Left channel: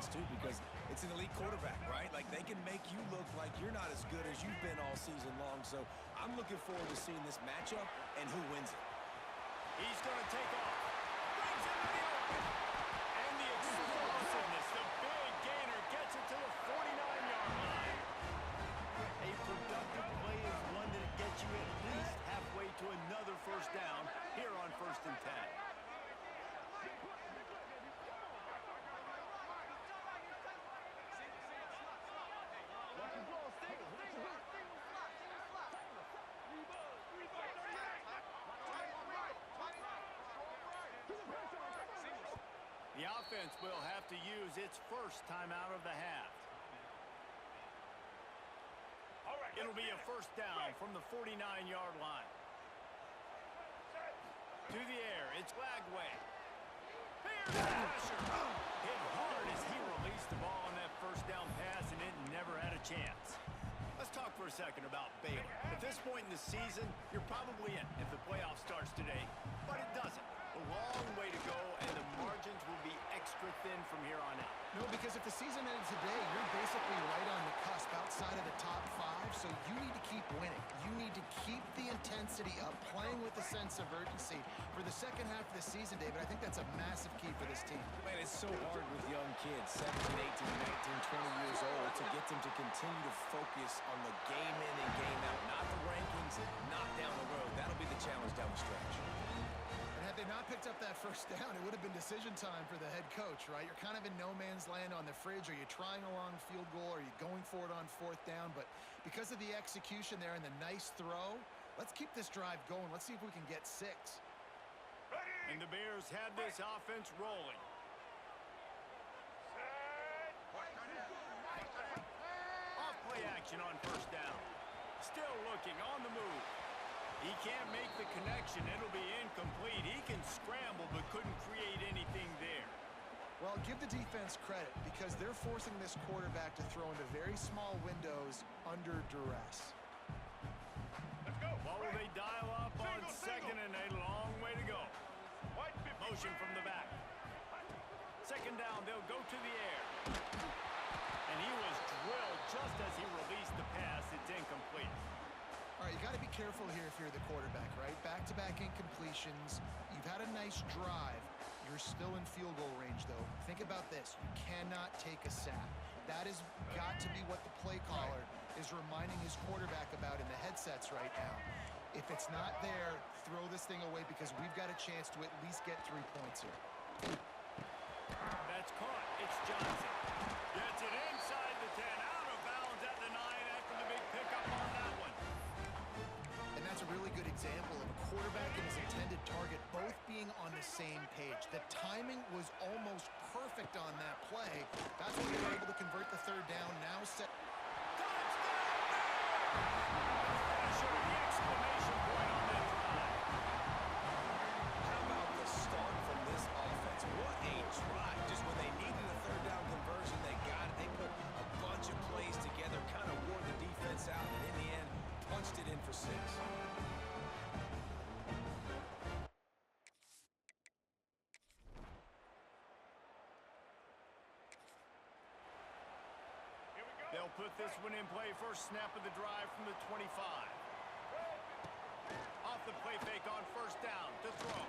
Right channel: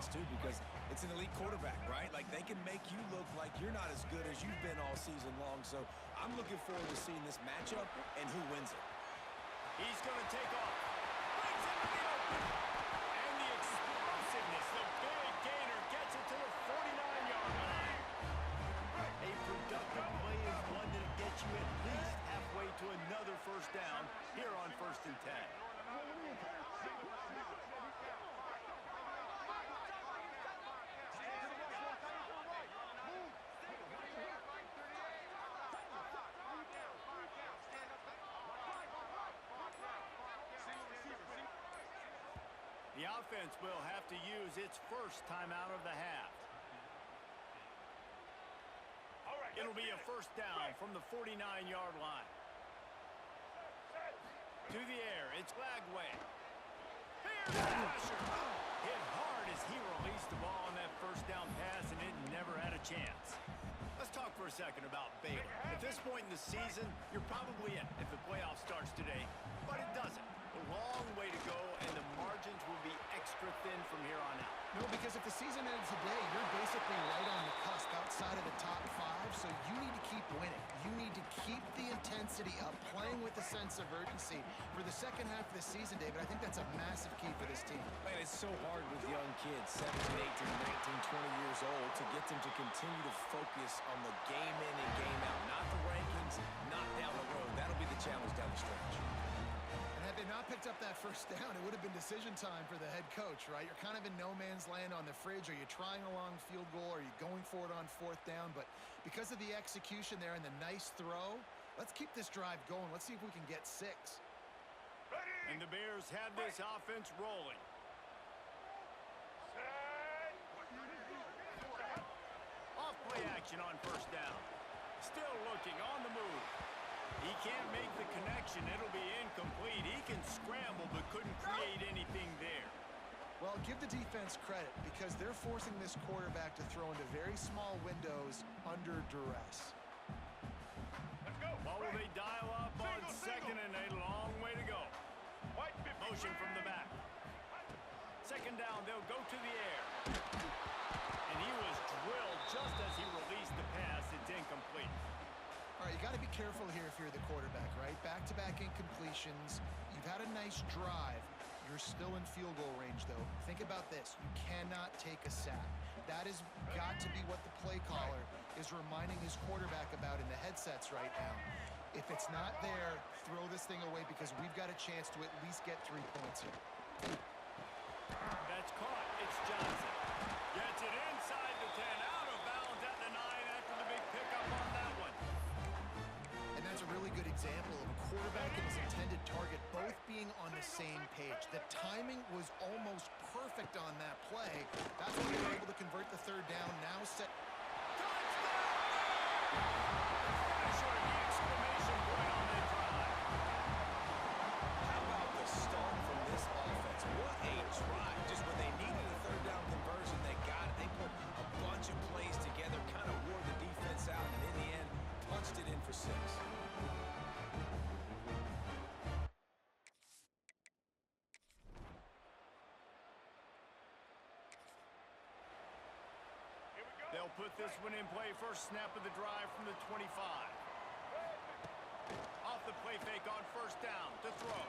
offense, too, because it's an elite quarterback, right? Like, they can make you look like you're not as good as you've been all season long. So I'm looking forward to seeing this matchup and who wins it. He's going to take off. Brings into the open. And the explosiveness, the big gainer gets it to the 49-yard line. A productive play is one that gets you at least halfway to another first down here on 1st and 10. The offense will have to use its first timeout of the half. It'll be a first down from the 49-yard line. To the air, it's Lagway. Here's the pressure. Hit hard as he released the ball on that first down pass, and it never had a chance. Let's talk for a second about Baylor. At this point in the season, you're probably in if the playoff starts today, but it doesn't. A long way to go, and the margins will be extra thin from here on out. No, because if the season ended today, you're basically right on the cusp outside of the top 5, so you need to keep winning. You need to keep the intensity up, playing with a sense of urgency. For the second half of the season, David, I think that's a massive key for this team. Man, it's so hard with young kids, 17, 18, 19, 20 years old, to get them to continue to focus on the game in and game out, not the rankings, not down the road. That'll be the challenge down the stretch. And had they not picked up that first down, it would have been decision time for the head coach, right? You're kind of in no man's land on the fridge. Are you trying a long field goal? Are you going for it on 4th down? But because of the execution there and the nice throw, let's keep this drive going. Let's see if we can get 6. Ready. And the Bears have this offense rolling. Off play action on first down. Still looking on the move. He can't make the connection. It'll be incomplete. He can scramble but couldn't create anything there. Well, give the defense credit because they're forcing this quarterback to throw into very small windows under duress. Let's go. What will they dial up on second and a long way to go? Motion from the back. Second down, they'll go to the air. And he was drilled just as he released the pass. It's incomplete. All right, you got to be careful here if you're the quarterback, right? Back-to-back incompletions. You've had a nice drive. You're still in field goal range, though. Think about this. You cannot take a sack. That has got to be what the play caller is reminding his quarterback about in the headsets right now. If it's not there, throw this thing away because we've got a chance to at least get 3 points here. That's caught. It's Johnson. Gets it inside the 10, out of bounds at the 9 after the big pickup on that one. And that's a really good example of a quarterback and his intended target both being on the same page. The timing was almost perfect on that play. That's why they were able to convert the 3rd down. Now set. Touchdown Bears! The finisher, the exclamation point on that drive. How about the start from this offense? What a drive. Just when they needed a 3rd down conversion, they got it. They put a bunch of plays together, kind of wore the defense out, and in the end, punched it in for 6. Here we go. They'll put this one in play. First snap of the drive from the 25. Off the play fake on first down to throw.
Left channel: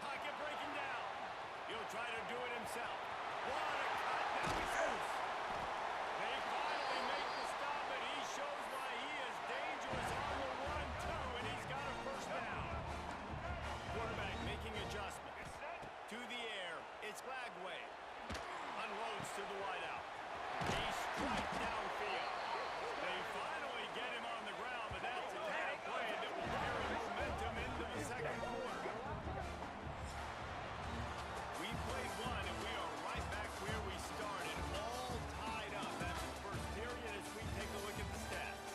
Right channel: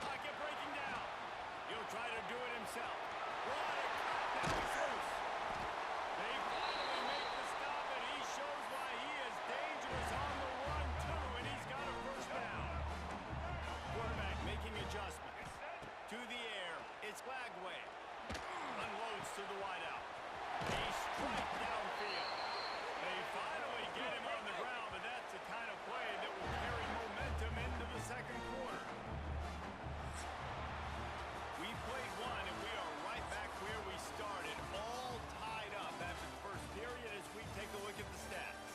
Pocket breaking down. He'll try to do it himself. What a cut. Now he's loose. They finally make the stop, and he shows why he is dangerous on the run, too, and he's got a first down. Quarterback making adjustments. To the air, it's Lagway. Unloads to the wideout. He strikes downfield. They finally get him on the ground, but that's the kind of play that will carry momentum into the second quarter. We played one, and we are right back where we started, all tied up after the first period as we take a look at the stats.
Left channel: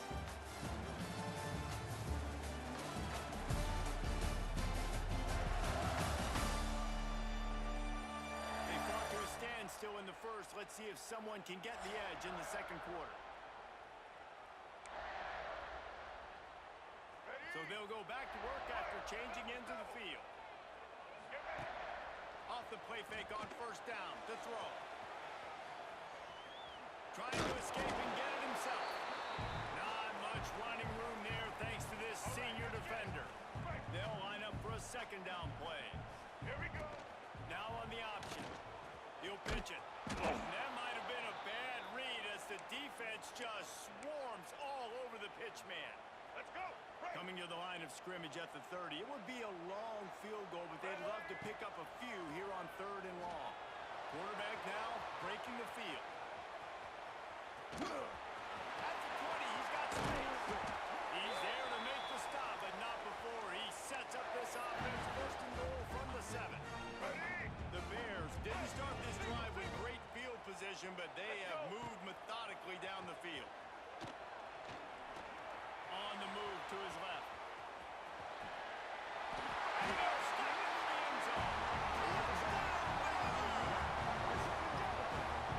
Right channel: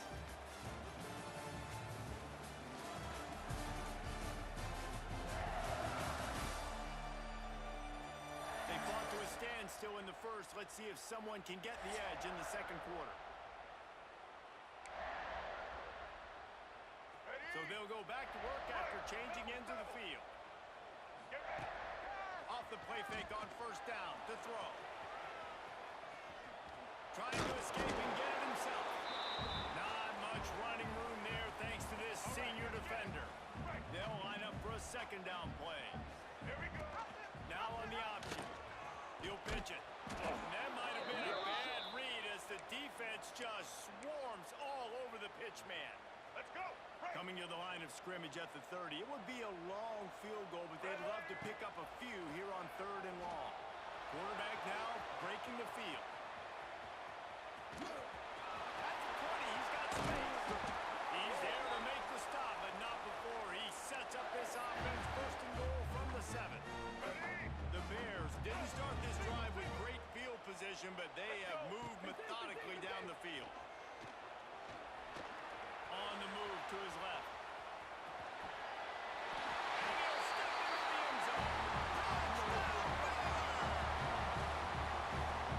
They fought to a standstill in the first. Let's see if someone can get the edge in the second quarter. So they'll go back to work after changing into the field. Off the play fake on first down to throw. much running room there thanks to this senior defender. They'll line up for a second down play. Here we go. Now on the option. He'll pitch it. That might have been a bad read as the defense just swarms all over the pitch man. Let's go. Coming to the line of scrimmage at the 30. It would be a long field goal, but they'd love to pick up a few here on 3rd and long. Quarterback now breaking the field. At the 20, he's got space. He's there to make the stop, but not before he sets up this offense. 1st and goal from the 7. The Bears didn't start this drive with great field position, but they have moved methodically down the field. On the move to his left. And he'll step into the end zone. Touchdown, Bears!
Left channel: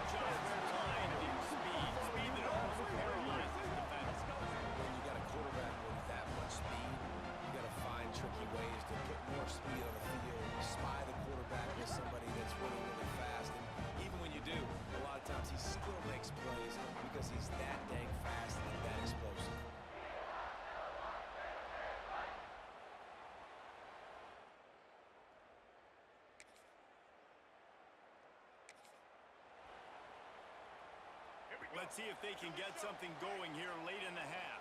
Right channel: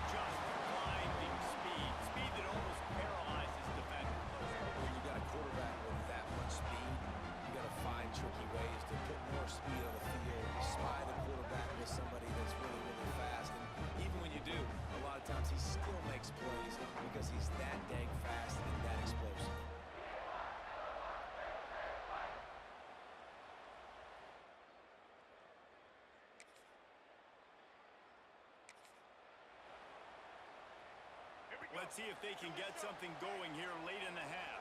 Just blinding speed. Speed that almost paralyzes defense. When you got a quarterback with that much speed, you got to find tricky ways to put more speed on the field, spy the quarterback with somebody that's really, really fast. And even when you do, a lot of times he still makes plays because he's that dang fast and that explosive. Let's see if they can get something going here late in the half.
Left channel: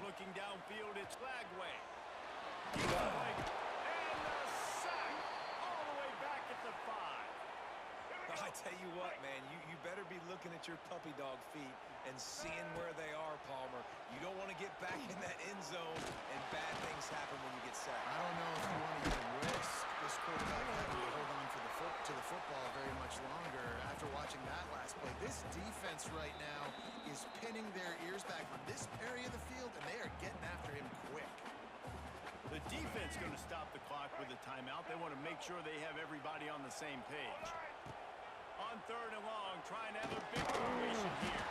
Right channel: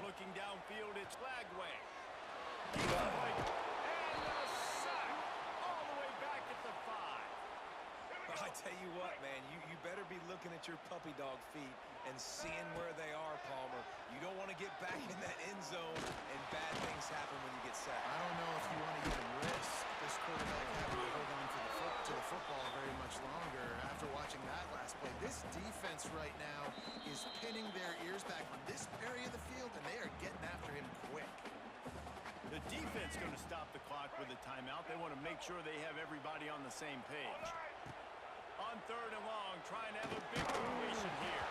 Looking downfield, it's Lagway. And a sack all the way back at the 5. I tell you what, man, you better be looking at your puppy dog feet and seeing where they are, Palmer. You don't want to get back in that end zone and bad things happen when you get sacked. I don't know if you want to even risk this quarterback having to hold on to the football very much longer after watching that last play. This defense right now is pinning their ears back on this area of the field, and they are getting after him quick. The defense going to stop the clock with a timeout. They want to make sure they have everybody on the same page. On 3rd and long, trying to have a big completion here.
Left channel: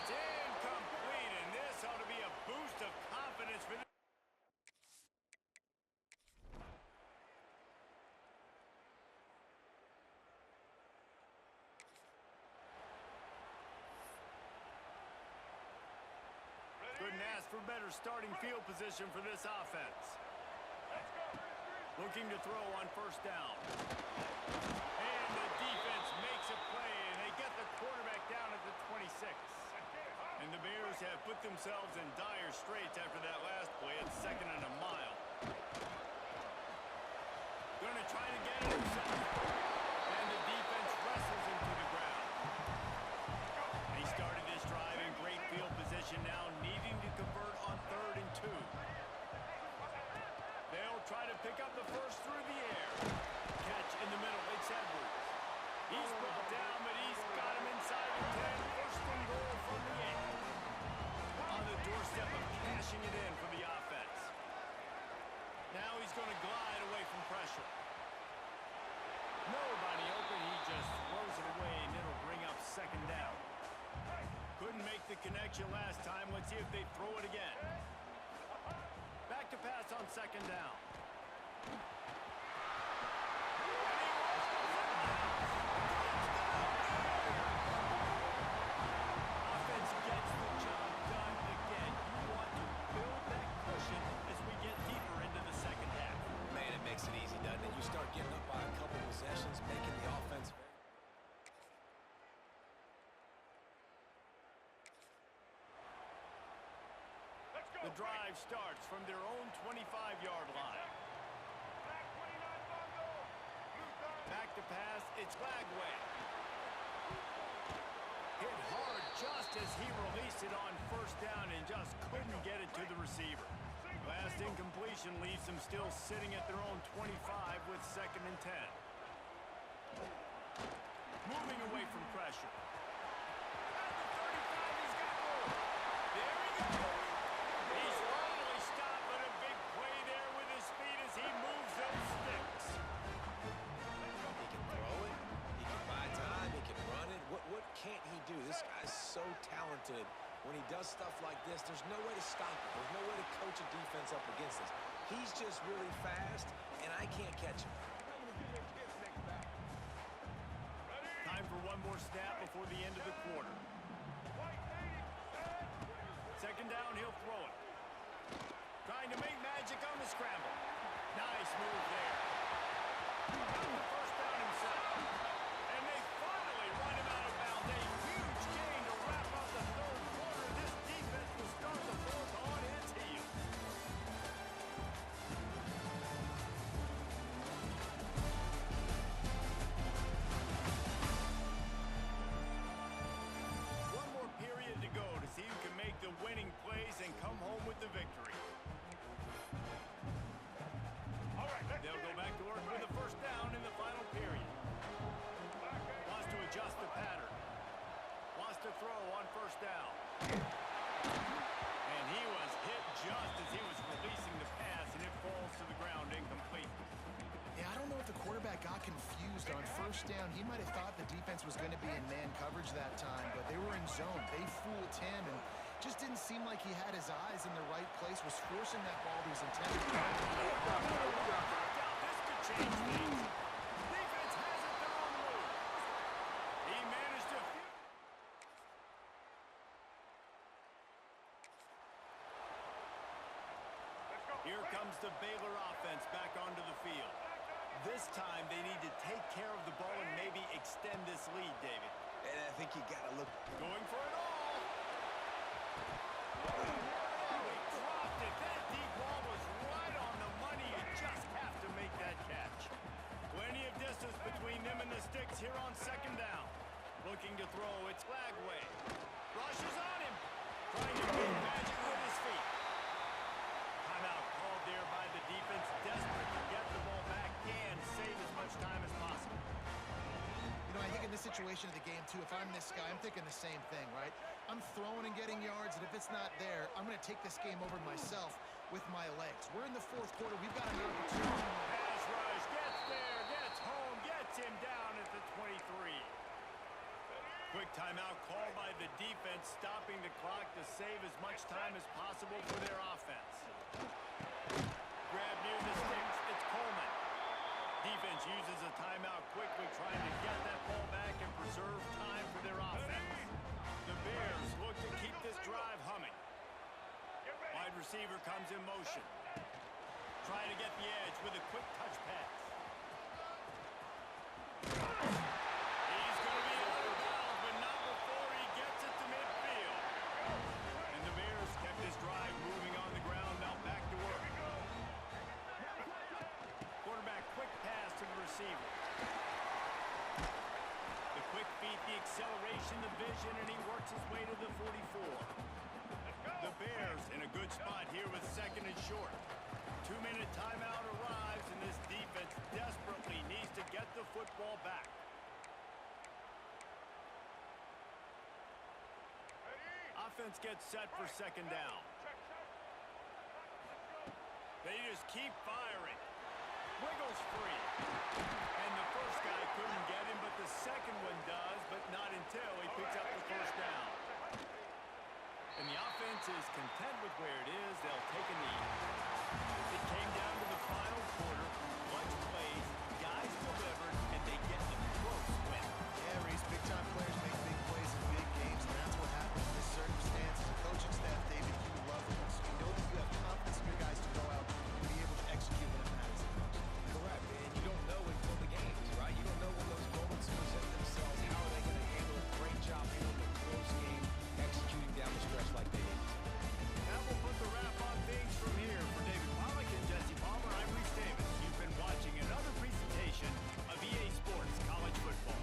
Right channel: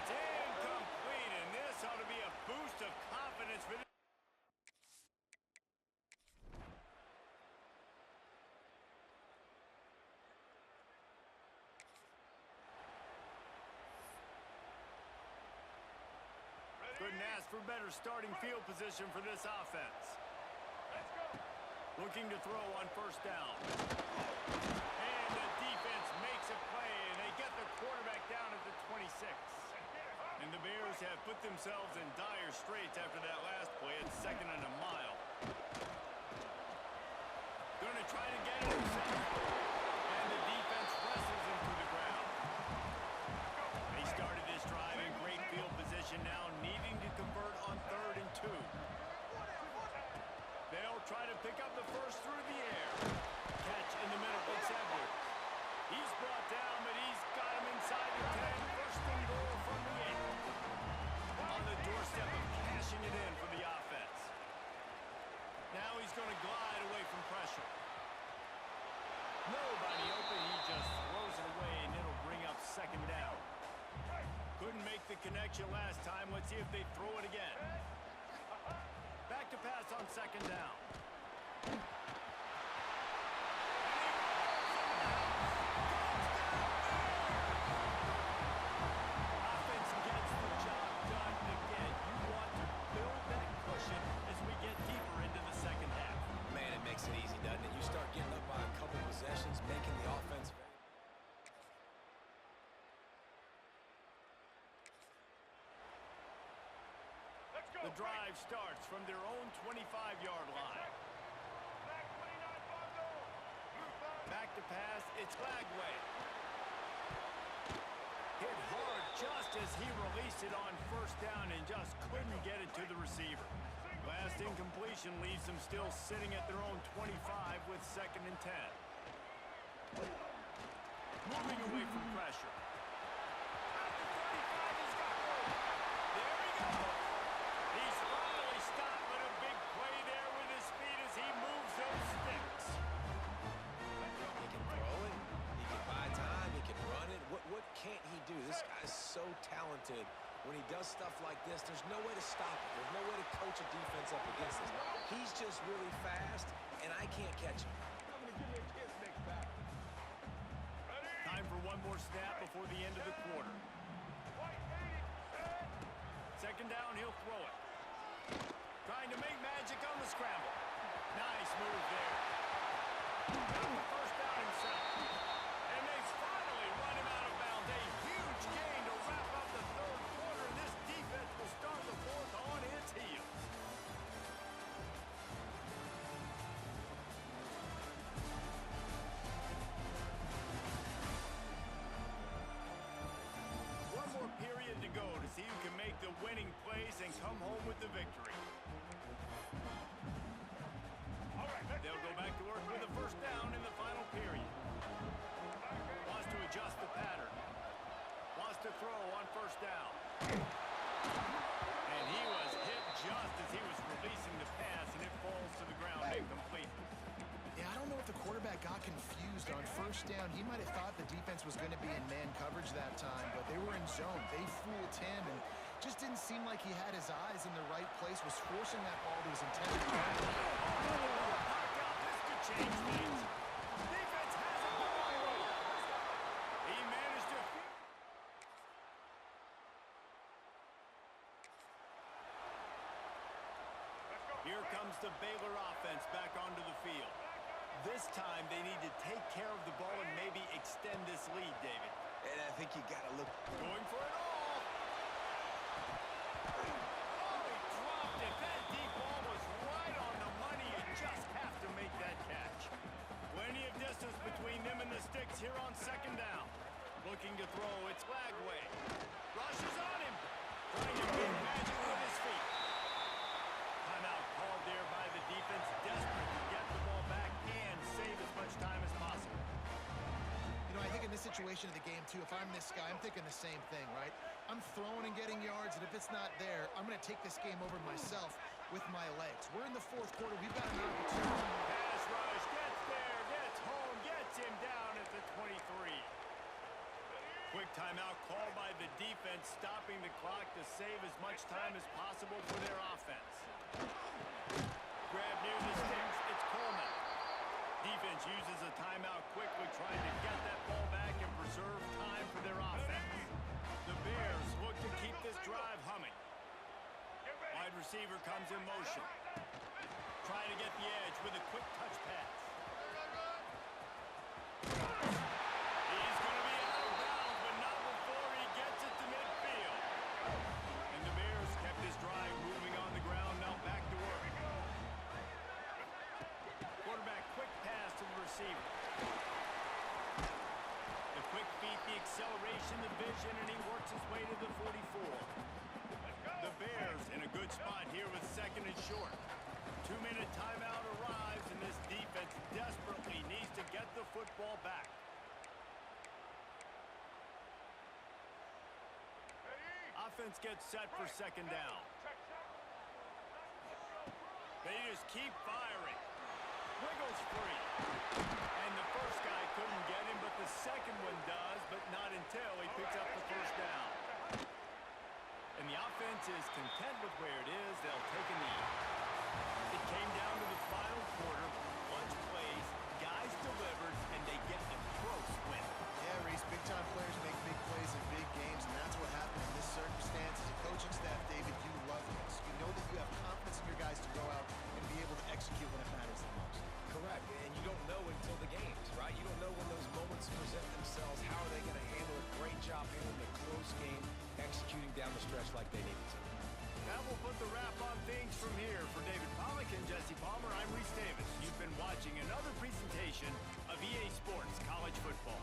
It's incomplete, and this ought to be a boost of confidence for them. Couldn't ask for better starting field position for this offense. Let's go. Looking to throw on 1st down. And the defense makes a play, and they get the quarterback down at the 26. And the Bears have put themselves in dire straits after that last play. It's 2nd and a mile. Going to try to get it himself. And the defense wrestles him to the ground. They started this drive in great field position now, needing to convert on 3rd and 2. They'll try to pick up the first through the air. Catch in the middle. It's Edwards. He's brought down, but he's got him inside the 10. 1st and goal from the 8. On the doorstep of cashing it in for the offense. Now he's going to glide away from pressure. Nobody open. He just throws it away, and it'll bring up 2nd down. Couldn't make the connection last time. Let's see if they throw it again. Back to pass on 2nd down. And he rolls into the house. Touchdown, Bears! Offense gets the job done. And again, you want to build that cushion as we get deeper into the 2nd half. Man, it makes it easy, doesn't it? You start getting up by a couple possessions, making the offense very... The drive starts from their own 25-yard line. Back to pass, it's Lagway. Hit hard just as he released it on 1st down and just couldn't get it to the receiver. Last incompletion leaves them still sitting at their own 25 with 2nd and 10. Moving away from pressure. At the 35, he's got room. There he goes. He's finally stopped, but a big play there with his feet as he moves those sticks. He can throw it. He can buy time. He can run it. What can't he do? This guy's so talented. When he does stuff like this, there's no way to stop it. There's no way to coach a defense up against this. He's just really fast, and I can't catch him. Time for one more snap before the end of the quarter. second down, he'll throw it. Trying to make magic on the scramble. Nice move there. Got the first down himself. And they finally run him out of bounds. A huge gain to wrap up the third quarter. This defense will start the fourth on its heels. One more period to go to see who can make the winning plays and come home with the victory. They'll go back to work with a first down in the final period. Wants to adjust the pattern. Wants to throw on first down. And he was hit just as he was releasing the pass, and it falls to the ground incomplete. Yeah, I don't know if the quarterback got confused on first down. He might have thought the defense was going to be in man coverage that time, but they were in zone. They fooled him and just didn't seem like he had his eyes in the right place, was forcing that ball to his intended target. This could change things. Defense has it their own way. He managed to... Here comes the Baylor offense back onto the field. This time they need to take care of the ball and maybe extend this lead, David. And I think you got to look... Going for it all. Oh, he dropped it. That deep ball was right on the money. You just have to make that catch. Plenty of distance between them and the sticks here on second down. Looking to throw, it's Lagway. Rushes on him. Trying to make magic with his feet. Timeout called there by the defense, desperate to get the ball back and save as much time as possible. You know, I think in this situation of the game, too, if I'm this guy, I'm thinking the same thing, right? I'm throwing and getting yards, and if it's not there, I'm going to take this game over myself with my legs. We're in the fourth quarter. We've got an opportunity. Pass rush, gets there, gets home, gets him down at the 23. Quick timeout called by the defense, stopping the clock to save as much time as possible for their offense. Grab near the sticks. It's Coleman. Defense uses a timeout quickly, trying to get that ball back and preserve time for their offense. The Bears look to keep this drive humming. Wide receiver comes in motion. Trying to get the edge with a quick touch pass. He's going to be out of bounds, but not before he gets it to midfield. And the Bears kept this drive moving on the ground, now back to work. Quarterback, quick pass to the receiver. The quick feet, the acceleration, the vision, and he works his way to the 44. The Bears in a good spot here with second and short. 2-minute timeout arrives, and this defense desperately needs to get the football back. Offense gets set for second down. They just keep firing. Wiggles free. And the first guy couldn't get him, but the second one does, but not until he picks up the first down. And the offense is content with where it is. They'll take a knee. It came down to the final quarter. Clutch plays, guys delivered, and they get a close win. Yeah, Reese, big-time players make big plays in big games, and that's what happened in this circumstance. As a coaching staff, David, you love this. You know that you have confidence in your guys to go out and be able to execute when it matters the most. Correct, and you don't know until the games, right? You don't know when those moments present themselves. How are they going to handle it? Great job handling a close game, executing down the stretch like they needed to. That will put the wrap on things from here. For David Pollack and Jesse Palmer, I'm Reese Davis. You've been watching another presentation of EA Sports College Football.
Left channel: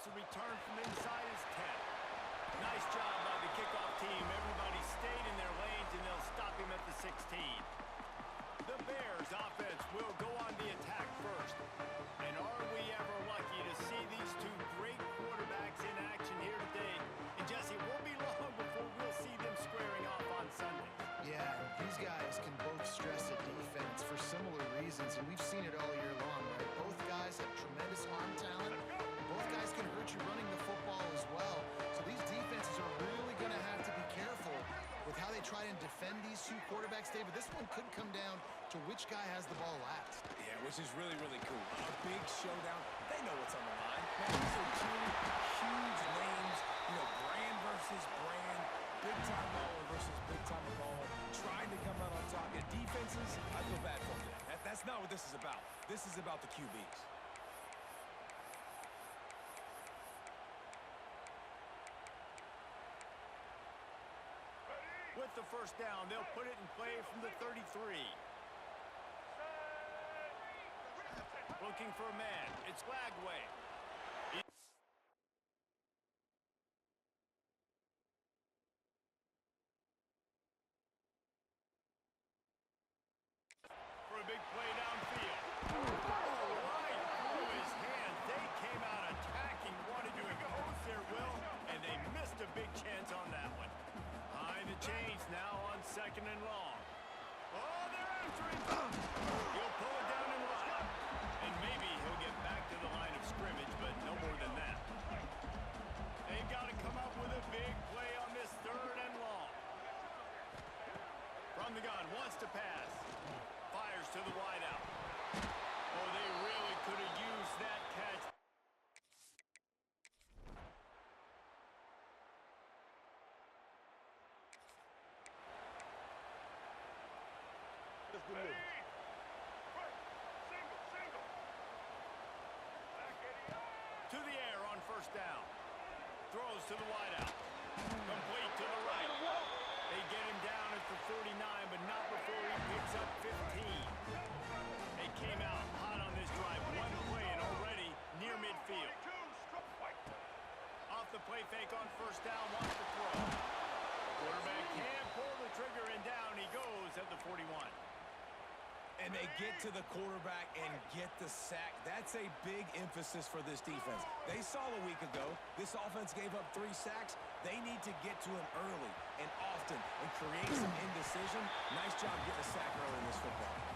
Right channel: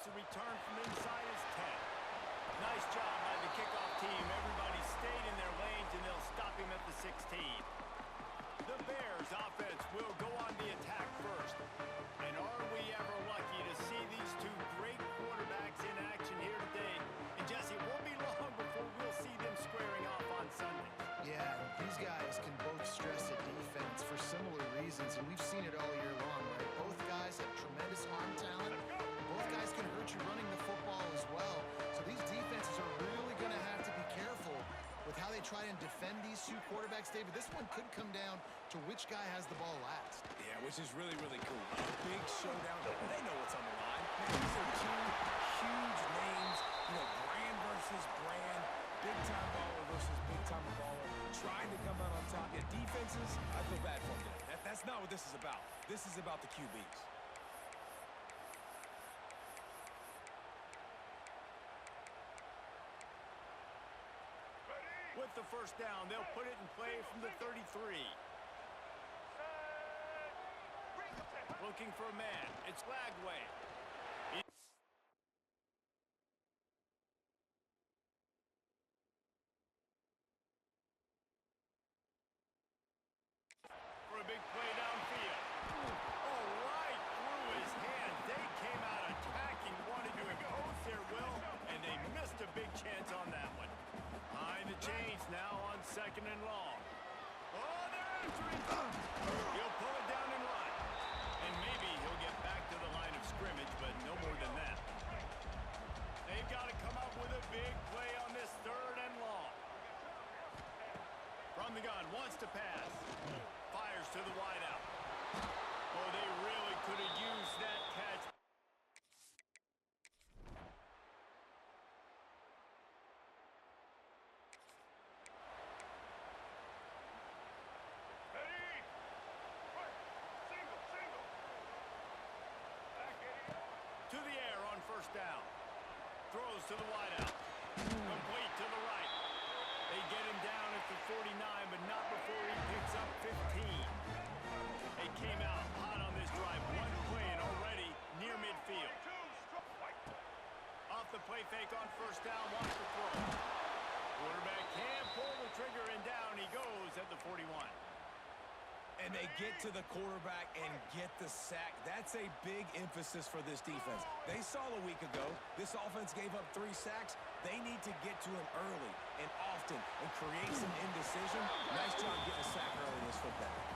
plus the return from inside his 10. Nice job by the kickoff team. Everybody stayed in their lanes, and they'll stop him at the 16. The Bears offense will go on the attack first. And are we ever lucky to see these two great quarterbacks in action here today? And Jesse, it won't be long before we'll see them squaring off on Sunday. Yeah, these guys can both stress a defense for similar reasons, and we've seen it all year long, right? Both guys have tremendous arm talent. Both guys can hurt you running the football as well. So these defenses are really going to have to be careful with how they try and defend these two quarterbacks, David. This one could come down to which guy has the ball last. Yeah, which is really, really cool. A big showdown. They know what's on the line. Man, these are two huge names. You know, brand versus brand. Big-time baller versus big-time baller. Trying to come out on top. Yeah, defenses, I feel bad for them today. That's not what this is about. This is about the QBs. With the first down, they'll put it in play from the 33. Looking for a man. It's Lagway. For a big play downfield. Oh, right through his hands. They came out attacking, wanted to impose their will, and they missed a big chance on that one. Behind the chains now on 2nd and long. Oh, they're after him. He'll pull it down and run. And maybe he'll get back to the line of scrimmage, but no more than that. They've got to come up with a big play on this 3rd and long. From the gun, wants to pass. Fires to the wideout. Oh, they really could have used that catch. To the air on 1st down. Throws to the wideout. Complete to the right. They get him down at the 49, but not before he picks up 15. They came out hot on this drive. One play and already near midfield. Off the play fake on 1st down, wants to throw. Quarterback can't pull the trigger, and down he goes at the 41. And they get to the quarterback and get the sack. That's a big emphasis for this defense. They saw a week ago, this offense gave up 3 sacks. They need to get to him early and often and create some indecision. Nice job getting a sack early in this football game.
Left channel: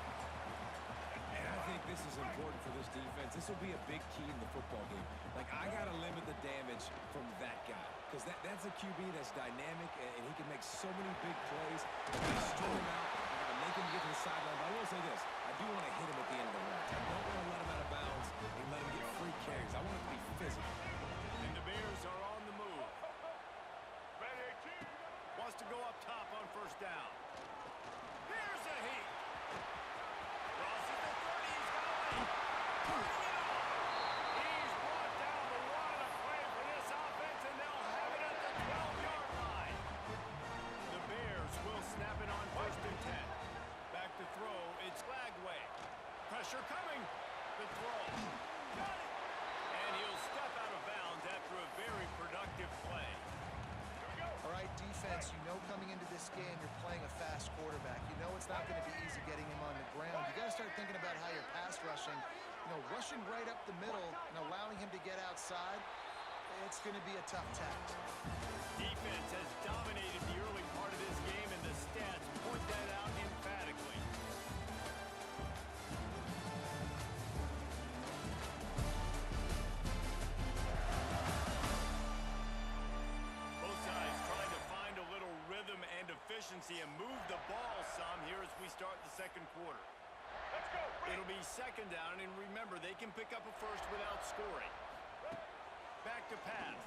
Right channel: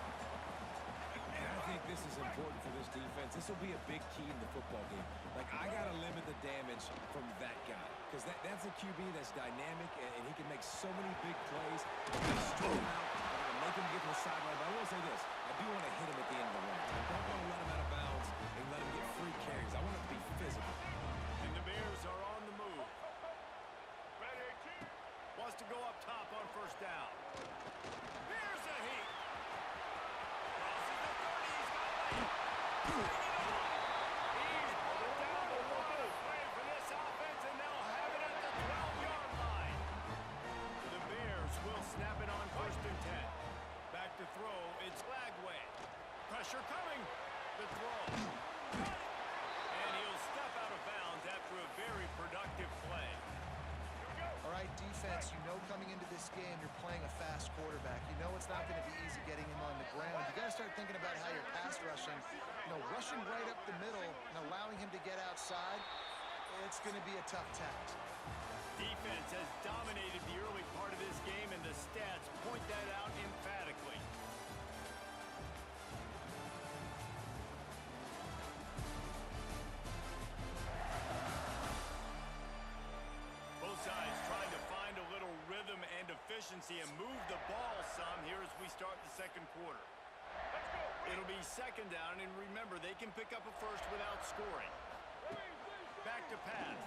And I think this is important for this defense. This will be a big key in the football game. Like, I got to limit the damage from that guy because that's a QB that's dynamic and he can make so many big plays. If they string him out, I got to make him get to the sideline. But I will say this, I do want to hit him at the end of the run. I don't want to let him out of bounds and let him get free carries. I want it to be physical. And the Bears are on the move. Wants to go up top on 1st down. Here's a heat. Crosses the 30. He's got a lane. Turning it on. He's brought down, but what a play for this offense, and they'll have it at the 12-yard line. The Bears will snap it on 1st and 10. Back to throw. It's Lagway. Pressure coming. The throw. Got it. And he'll step out of bounds after a very productive play. All right, defense, you know coming into this game you're playing a fast quarterback. You know it's not going to be easy getting him on the ground. You got to start thinking about how you're pass rushing. You know, rushing right up the middle and allowing him to get outside, it's going to be a tough task. Defense has dominated the early part of this game, and the stats point that out emphatically. Both sides trying to find a little rhythm and efficiency and move the ball some here as we start the 2nd quarter. It'll be 2nd down, and remember, they can pick up a first without scoring. Back to pass.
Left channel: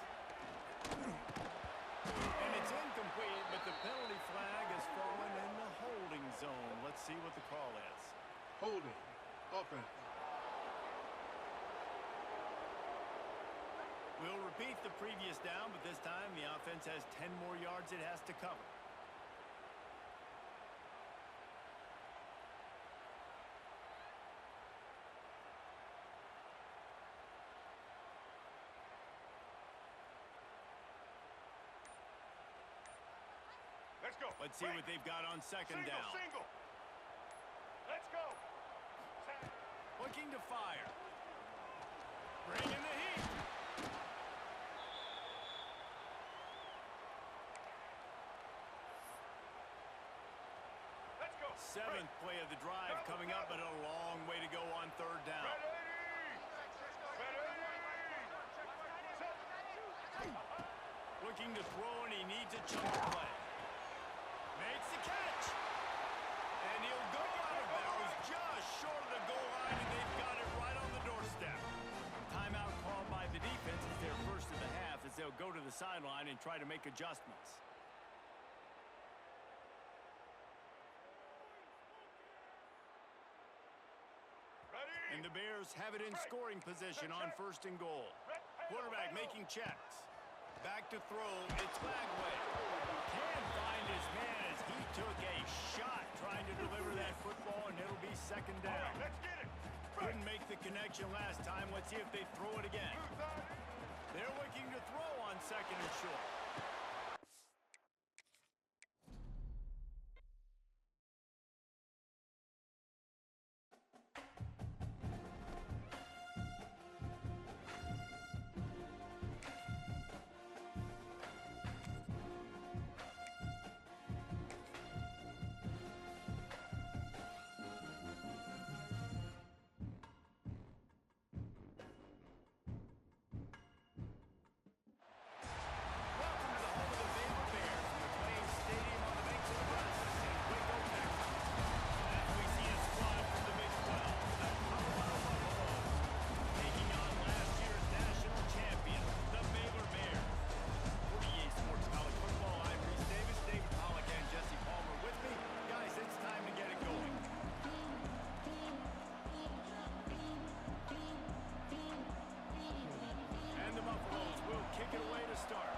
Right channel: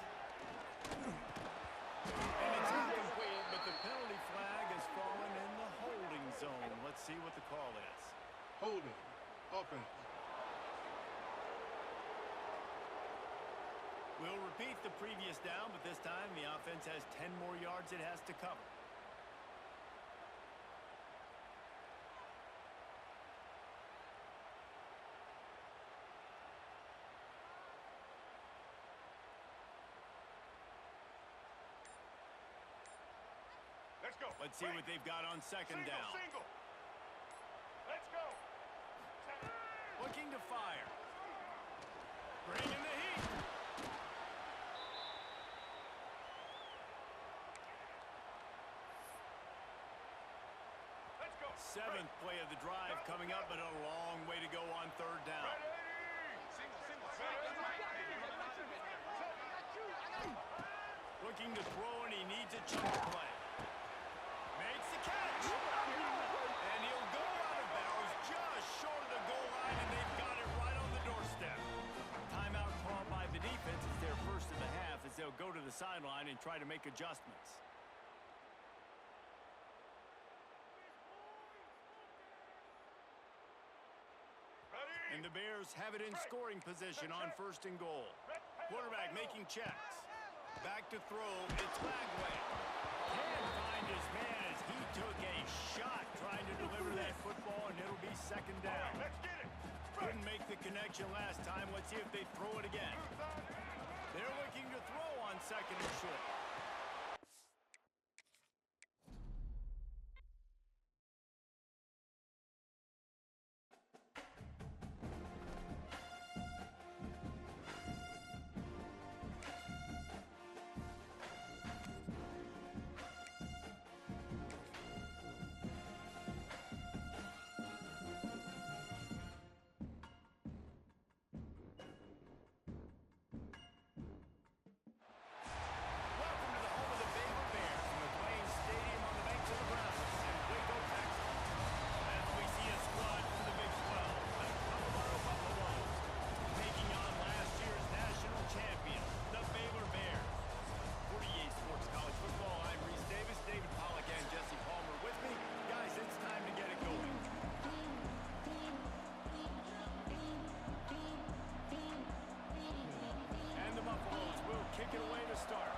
And it's incomplete, but the penalty flag has fallen in the holding zone. Let's see what the call is. Holding. Offense. We'll repeat the previous down, but this time the offense has 10 more yards it has to cover. Let's go. Let's see what they've got on second down. Single. Let's go. Looking to fire. Bringing the heat. Let's go. Seventh play of the drive coming up, but a long way to go on third down. Looking to throw, and he needs a chunk play. Makes the catch. And he'll go out of bounds just short of the goal line, and they've got it right on the doorstep. Timeout called by the defense. It's their first of the half as they'll go to the sideline and try to make adjustments. And the Bears have it in scoring position on first and goal. Quarterback making checks. Back to throw, it's Lagway. Can't find his man as he took a shot trying to deliver that football, and it'll be second down. Right, let's get it. Couldn't make the connection last time. Let's see if they throw it again. They're looking to throw on second and short. Kick it away to start.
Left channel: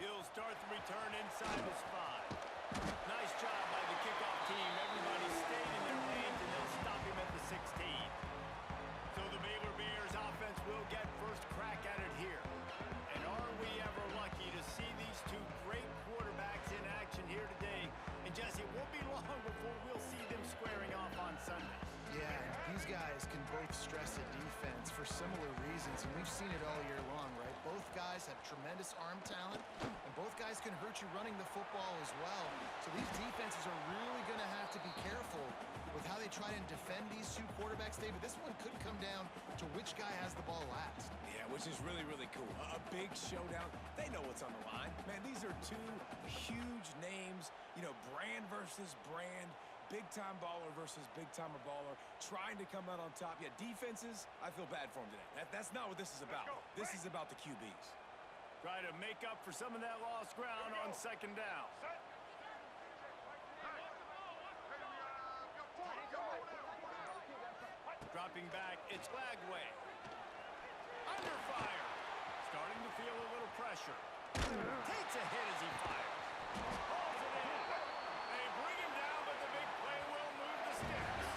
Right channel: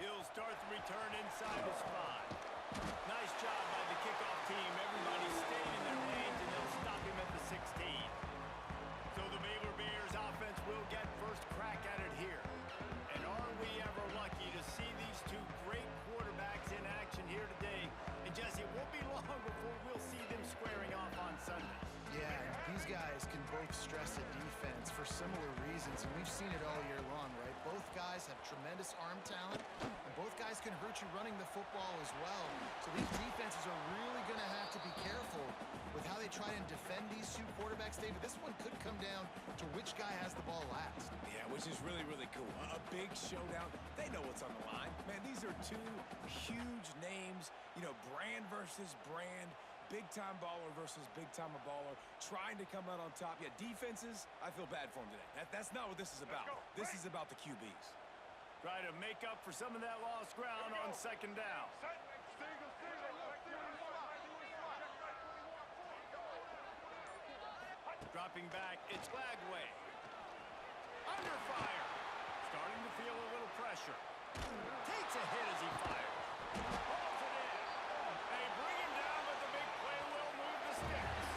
He'll start the return inside his 5. Nice job by the kickoff team. Everybody stayed in their lanes, and they'll stop him at the 16. So the Baylor Bears offense will get first crack at it here. And are we ever lucky to see these two great quarterbacks in action here today? And Jesse, it won't be long before we'll see them squaring off on Sunday. Yeah, these guys can both stress a defense for similar reasons, and we've seen it all year long, right? Both guys have tremendous arm talent, and both guys can hurt you running the football as well. So these defenses are really going to have to be careful with how they try and defend these two quarterbacks. David, this one could come down to which guy has the ball last. Yeah, which is really, really cool. A big showdown. They know what's on the line. Man, these are two huge names, you know, brand versus brand. Big-time baller versus big-timer baller, trying to come out on top. Yeah, defenses, I feel bad for them today. That's not what this is about. This is about the QBs. Try to make up for some of that lost ground on second down. Dropping back, it's Lagway. Under fire. Starting to feel a little pressure. Takes a hit as he fires. Hauls it in. They bring him down, but the big play will move the sticks.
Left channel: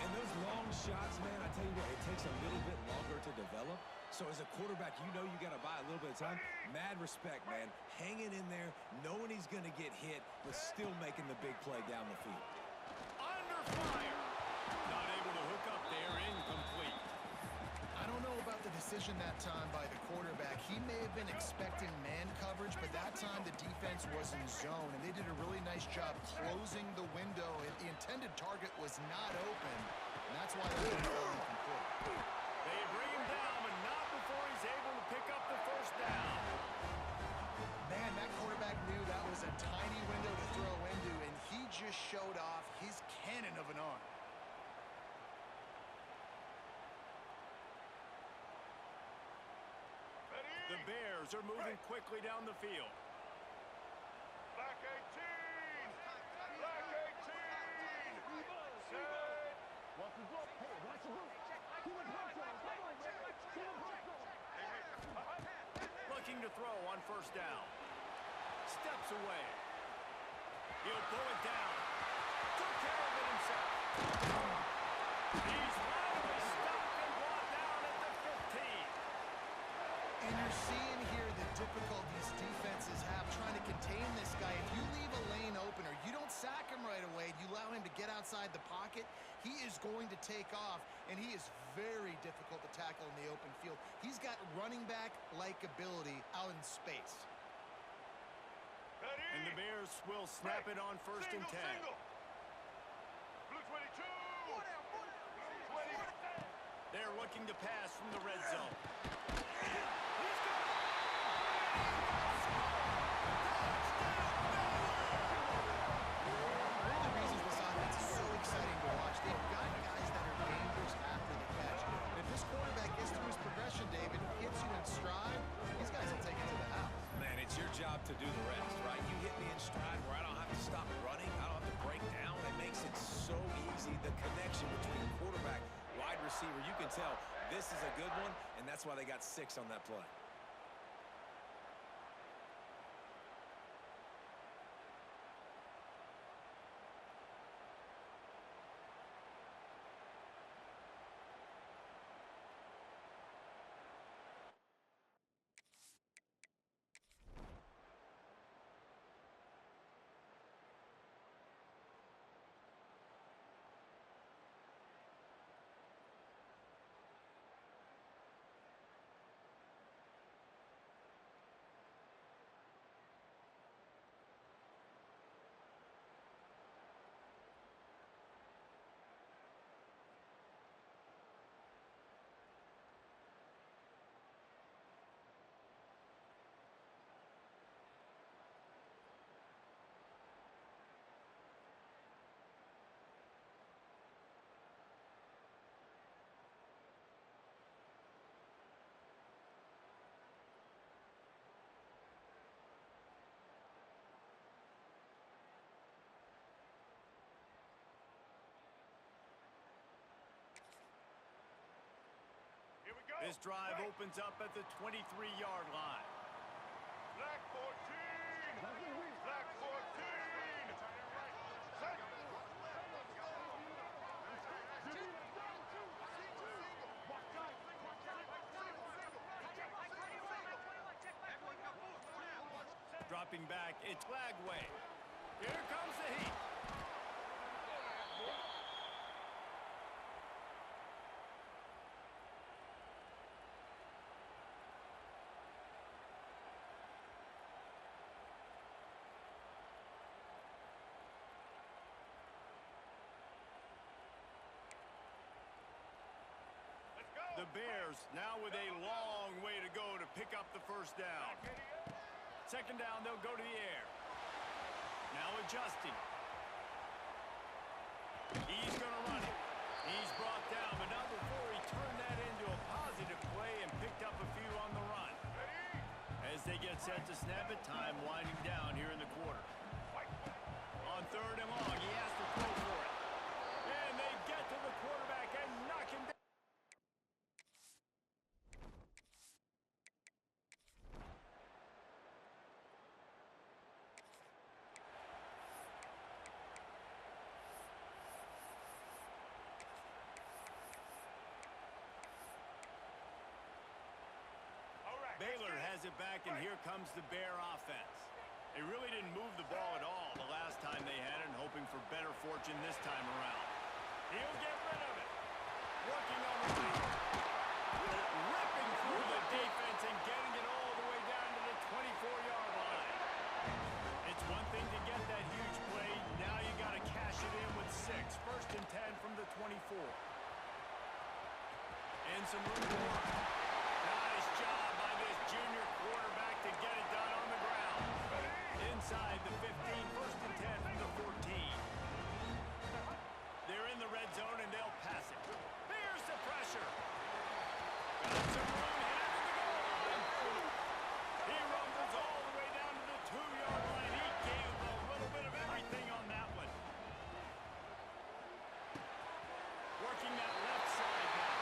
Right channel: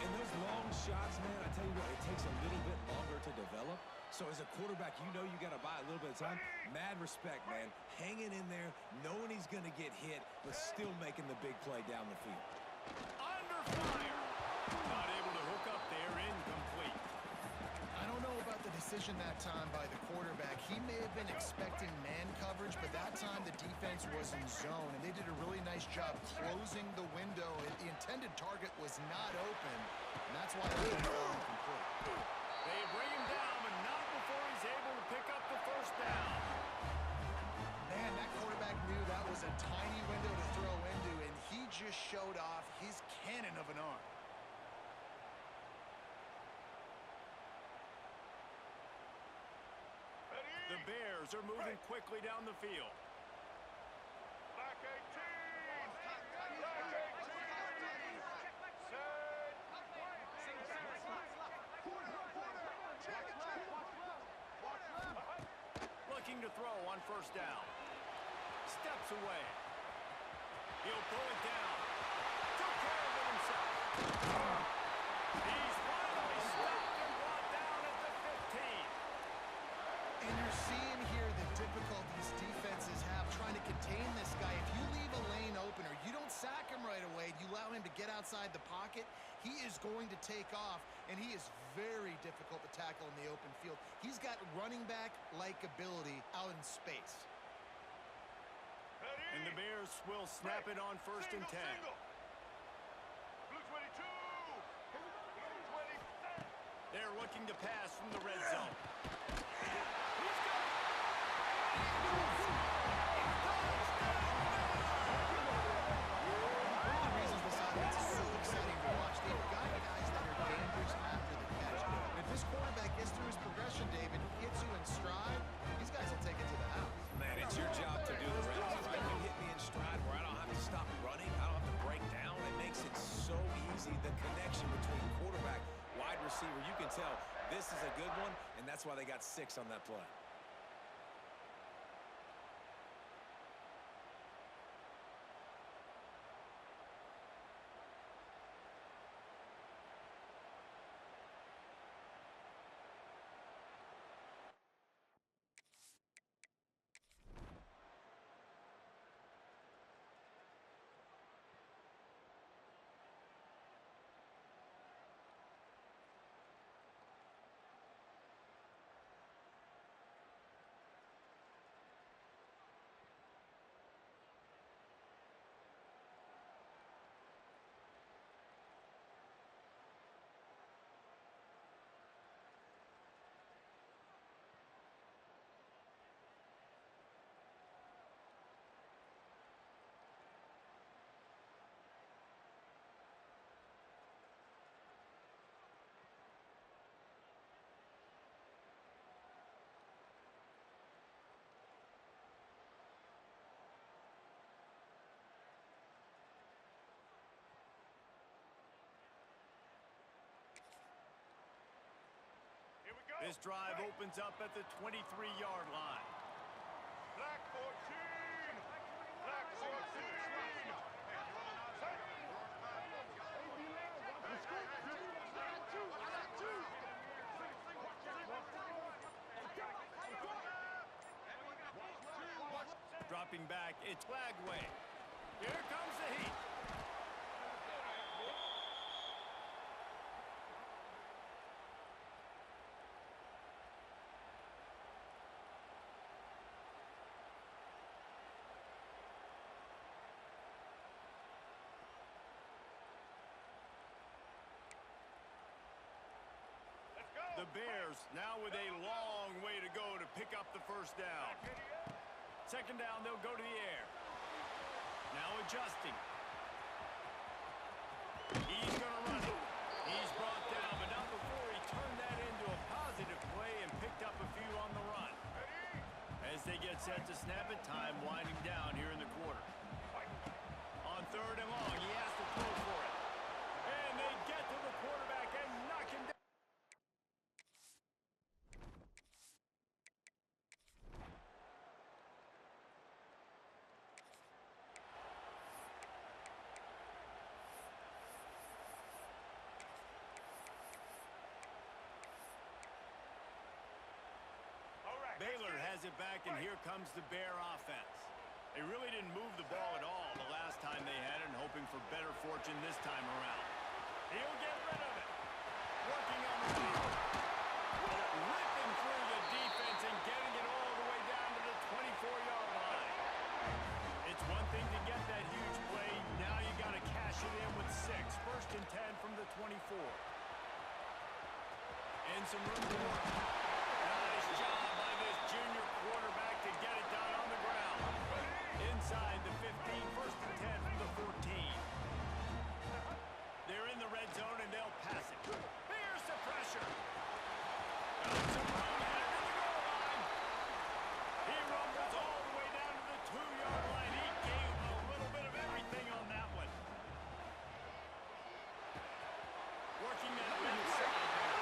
And those long shots, man, I tell you what, it takes a little bit longer to develop. So as a quarterback, you know you got to buy a little bit of time. Mad respect, man. Hanging in there, knowing he's going to get hit, but still making the big play down the field. Under fire. Not able to hook up there, incomplete. I don't know about the decision that time by the quarterback. He may have been expecting man coverage, but that time the defense was in zone, and they did a really nice job closing the window. The intended target was not open, and that's why they were incomplete. They bring him down, but not before he's able to pick up the first down. Man, that quarterback knew that was a tiny window to throw into, and he just showed off his cannon of an arm. The Bears are moving quickly down the field. Black 18! Black 18! Set! Looking to throw on first down. Steps away. He'll pull it down. Took care of it himself. He's finally stopped and brought down at the 15. And you're seeing here the difficulties defenses have trying to contain this guy. If you leave a lane open or you don't sack him right away, you allow him to get outside the pocket, he is going to take off, and he is very difficult to tackle in the open field. He's got running back-like ability out in space. And the Bears will snap it on first and 10. Blue 22. They're looking to pass from the red zone. He's got it. And he will score. Touchdown, Baylor. One of the reasons this offense is so exciting to watch, they've got guys that are dangerous after the catch. And if this quarterback gets through his progression, David, hits you in stride, these guys will take it to the house. Man, it's your job to do the rest, right? You hit me in stride where I don't have to stop running. I don't have to break down. It makes it so easy. The connection between quarterback, wide receiver, you can tell this is a good one, and that's why they got 6 on that play. Here we go. This drive opens up at the 23-yard line. Black 14. Black 14. Set. Dropping back, it's Lagway. Here comes the heat. Let's go. The Bears now with a long way to go to pick up the first down. Second down, they'll go to the air. Now adjusting. He's going to run it. He's brought down, but not before he turned that into a positive play and picked up a few on the run. As they get set to snap it, time winding down here in the quarter. On third and long, he has to throw for it. And they get to the quarterback and knock him down. Baylor has it back, and here comes the Bear offense. They really didn't move the ball at all the last time they had it, and hoping for better fortune this time around. He'll get rid of it. Working on the lead. Ripping through the defense and getting it all the way down to the 24-yard line. It's one thing to get that huge play. Now you got to cash it in with 6. First and 10 from the 24. And some room to work. Nice job by this junior quarterback to get it done on the ground. Inside the 15, first and 10 from the 14. They're in the red zone and they'll pass it. Here's the pressure. Got some room headed to the goal line. He rumbles all the way down to the 2-yard line. He gave a little bit of everything on that one. Working that left side now.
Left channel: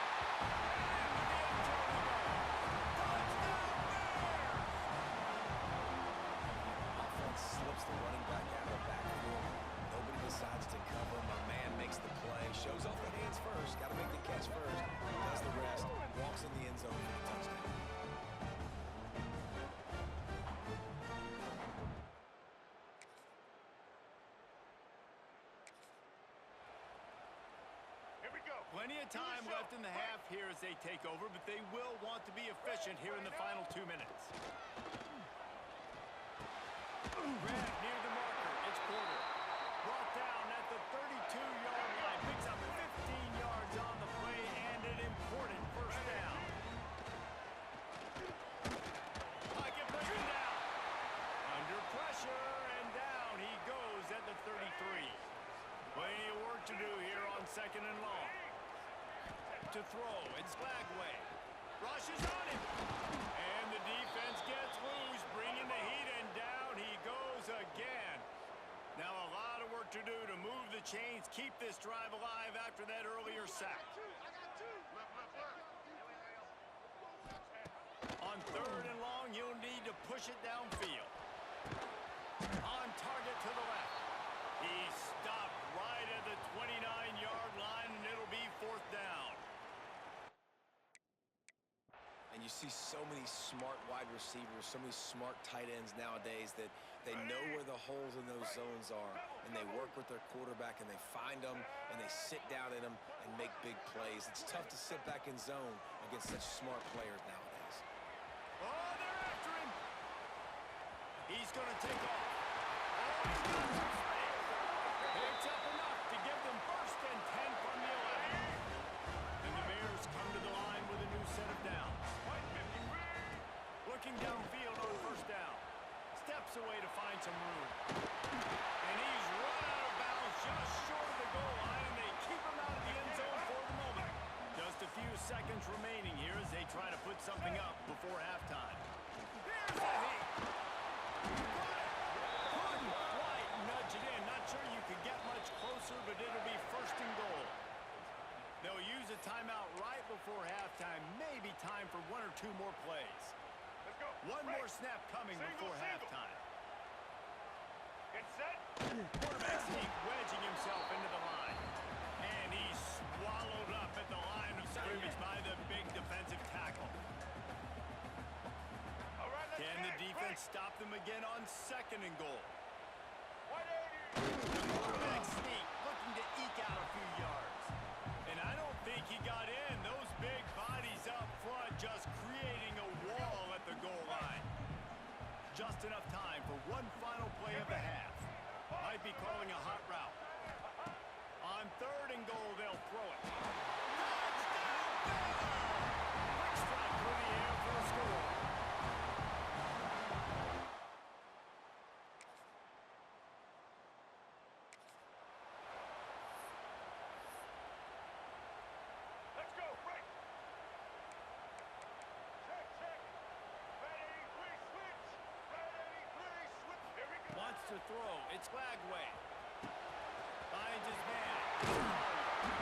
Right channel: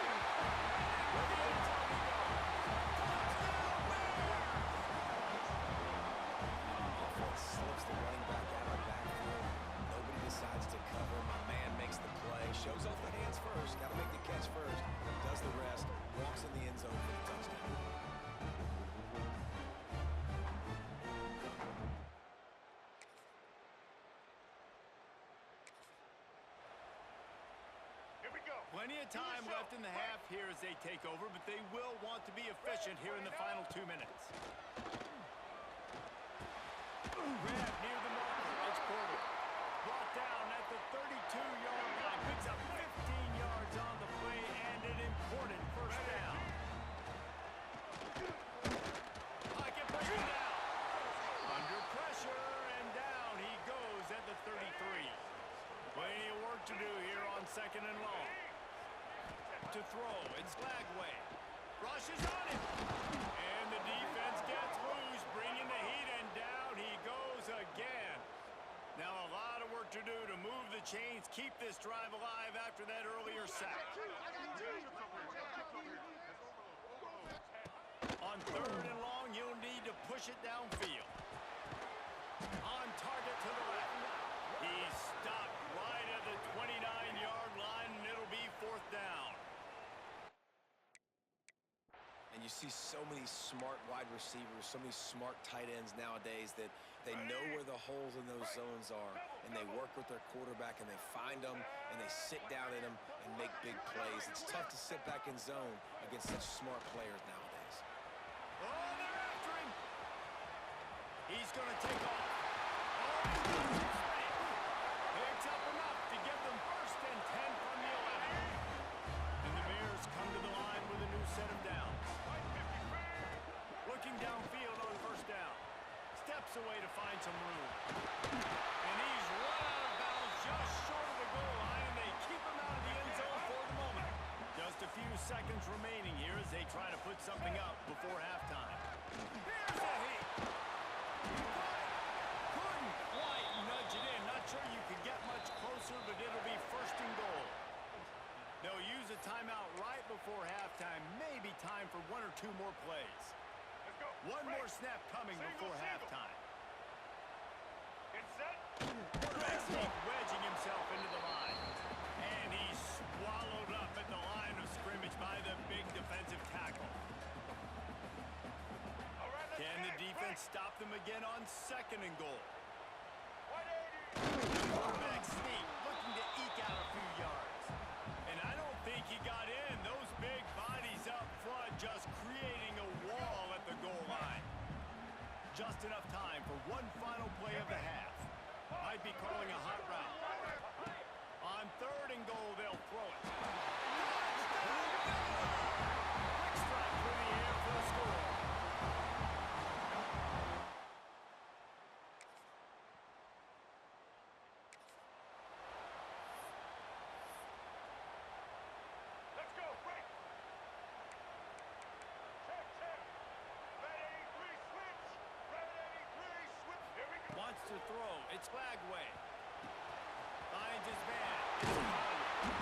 Slips the running back out of the backfield. Nobody decides to cover. My man makes the play. Shows off the hands first. Got to make the catch first. Does the rest. Walks in the end zone for the touchdown. Plenty of time left in the half here as they take over, but they will want to be efficient here in the final 2 minutes. Grab near the marker. It's Porter. Brought down at the 32-yard line. Picks up 15 yards on the play and an important first down. Pocket breaking down. Under pressure and down he goes at the 33. Plenty of work to do here on 2nd and long. To throw, it's Lagway. Rushes on him. And the defense gets loose, bringing the heat, and down he goes again. Now a lot of work to do to move the chains, keep this drive alive after that earlier sack. On 3rd and long, you'll need to push it downfield. On target to the left. He's stopped right at the 29-yard line, and it'll be 4th down. And you see so many smart wide receivers, so many smart tight ends nowadays that they know where the holes in those zones are, and they work with their quarterback, and they find them, and they sit down in them and make big plays. It's tough to sit back in zone against such smart players nowadays. Oh, they're after him. He's going to take off. Oh, he's got some space. Picks up enough to give them 1st and 10 from the 11. And the Bears come to the line with a new set of downs. Looking downfield on 1st down. Steps away to find some room. And he's run out of bounds just short of the goal line, and they keep him out of the end zone for the moment. Just a few seconds remaining here as they try to put something up before halftime. Here's the heat. Couldn't quite nudge it in. Not sure you could get much closer, but it'll be 1st and goal. They'll use a timeout right before halftime. Maybe time for 1 or 2 more plays. One more snap coming before halftime. Get set. Quarterback sneak wedging himself into the line. And he's swallowed up at the line of scrimmage by the big defensive tackle. All right, let's Can the get it. defense stop them again on 2nd and goal? 180. Quarterback sneak looking to eke out a few yards. And I don't think he got in. Those big bodies up front just creating a wall at the goal line. Just enough time for one final play of the half. Might be calling a hot route. On 3rd and goal, they'll throw it. Touchdown, Baylor! Quick strike through the air for the score. Let's go, break. Check, check. Red 83, switch. Red 83, switch. Here we go. Wants to throw. It's Lagway. Finds his man. It's Collier.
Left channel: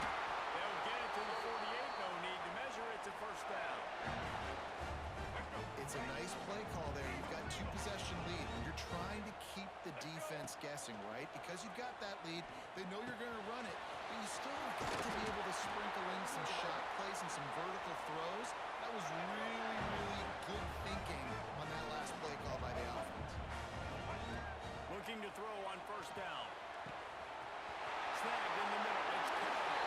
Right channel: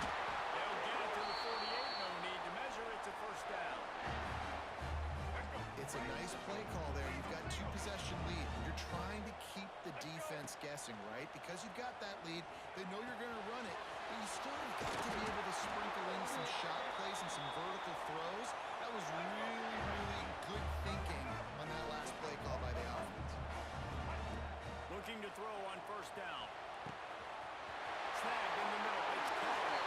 They'll get it to the 48. No need to measure. It's a 1st down. Let's go. It's a nice play call there. You've got 2-possession lead. You're trying to keep the defense guessing, right? Because you've got that lead, they know you're going to run it, but you still have got to be able to sprinkle in some shot plays and some vertical throws. That was really, really good thinking on that last play call by the offense. Looking to throw on 1st down. Snagged in the middle. It's Collier.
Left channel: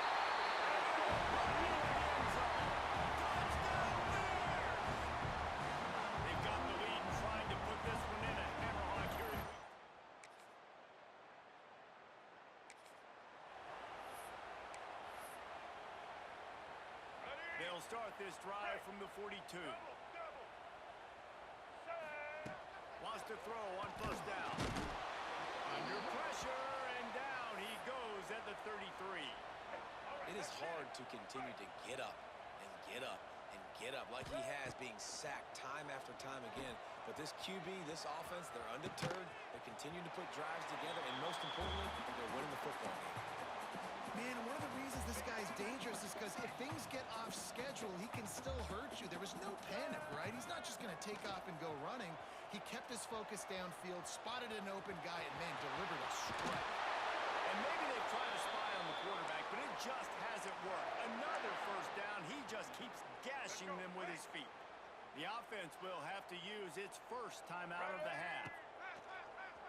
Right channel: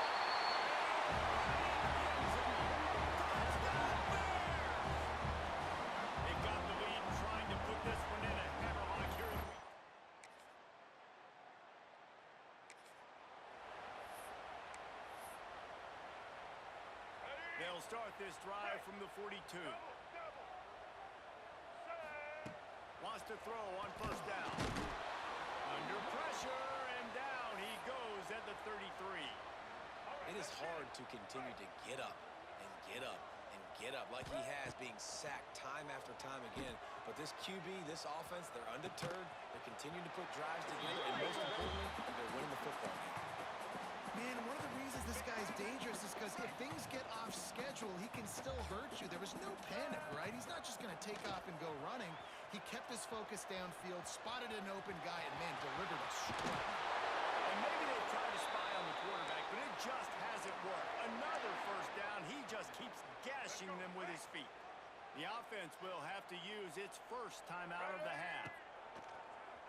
Running into the end zone. Touchdown, Bears! They've got the lead and trying to put this one in a hammerlock here in week. Ready. They'll start this drive from the 42. Double. Set. Wants to throw on 1st down. Under pressure and down he goes at the 33. It is hard to continue to get up and get up and get up like he has, being sacked time after time again. But this QB, this offense, they're undeterred. They continue to put drives together, and most importantly, they're winning the football game. Man, one of the reasons this guy's dangerous is because if things get off schedule, he can still hurt you. There was no panic, right? He's not just going to take off and go running. He kept his focus downfield, spotted an open guy, and, man, delivered a strike. And maybe they've tried to spy on the quarterback, but it just hasn't worked. Another 1st down. He just keeps gashing them with his feet. The offense will have to use its 1st timeout of the half.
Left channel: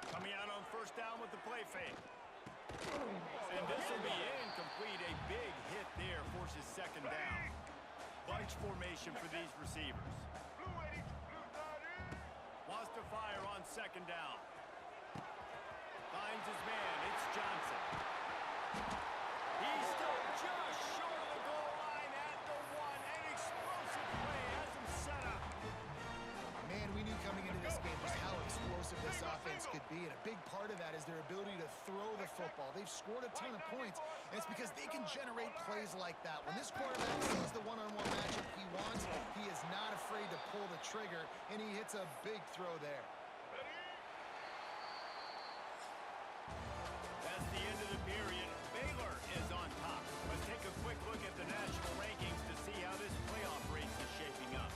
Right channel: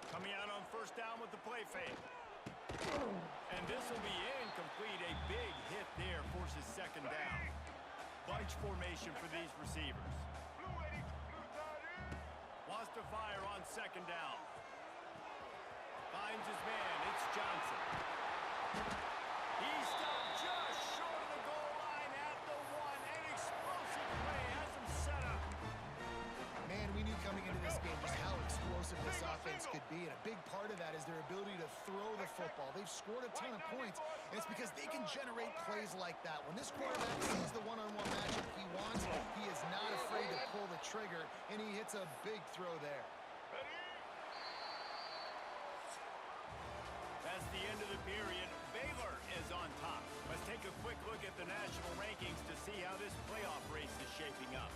Coming out on 1st down with the play fake. And this will be incomplete. A big hit there forces second down. Bunch formation for these receivers. Blue 80, blue 30. Wants to fire on second down. Finds his man. It's Johnson. He stopped just short of the goal line at the 1. An explosive play has him set up. Man, we knew coming into this game just how explosive this offense could be, and a big part of that is their ability to throw the football. They've scored a ton of points, and it's because they can generate plays like that. When this quarterback sees the one-on-one matchup he wants, he is not afraid to pull the trigger, and he hits a big throw there. That's the end of the period. Baylor is on top. Let's take a quick look at the national rankings to see how this playoff race is shaping up.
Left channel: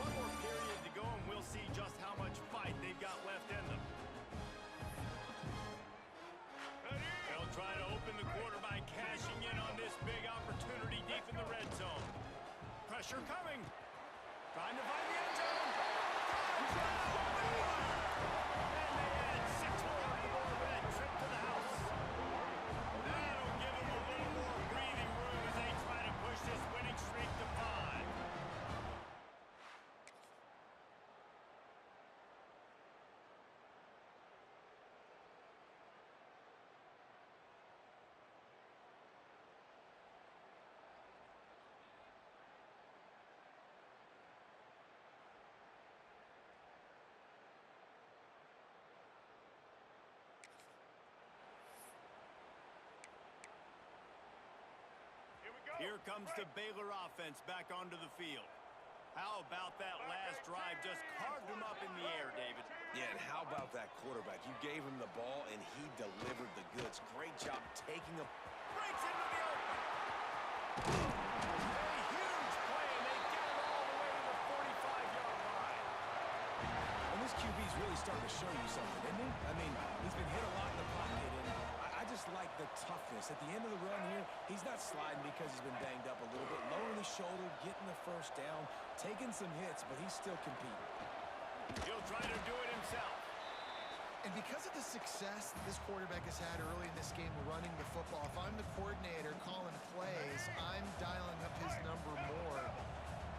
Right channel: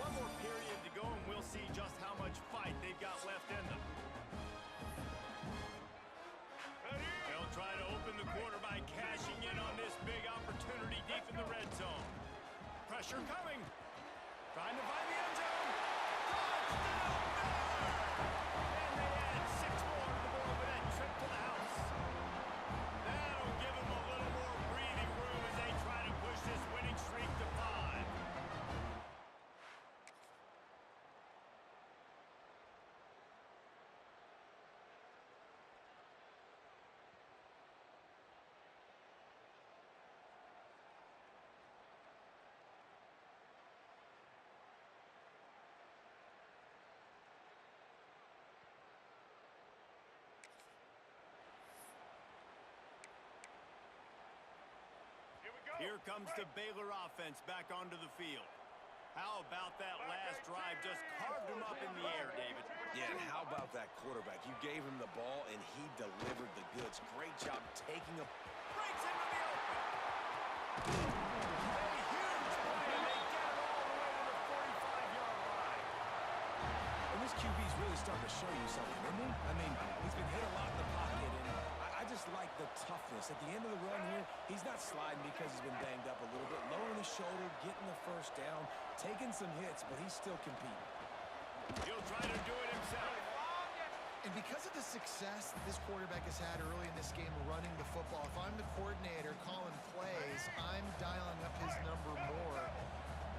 One more period to go, and we'll see just how much fight they've got left in them. They'll try to open the quarter by cashing in on this big opportunity deep in the red zone. Pressure coming. Trying to find the end zone. Touchdown, Baylor! And they add 6 more to the board with that trip to the house. That'll give them a little more breathing room as they try to push this winning streak to 5. Here comes the Baylor offense back onto the field. How about that last drive? Just carved him up in the air, David. Yeah, and how about that quarterback? You gave him the ball, and he delivered the goods. Great job taking a... Breaks into the open. A huge play, and they get it all the way to the 45-yard line. And this QB's really starting to show you something, isn't he? I mean, he's been hit a lot in the pocket, and I just like the toughness. At the end of the run here, he's not sliding because he's been banged up a little bit. Lowering the shoulder, getting the first down, taking some hits, but he's still competing. He'll try to do it himself. And because of the success that this quarterback has had early in this game running the football, if I'm the coordinator calling plays, I'm dialing up his number more.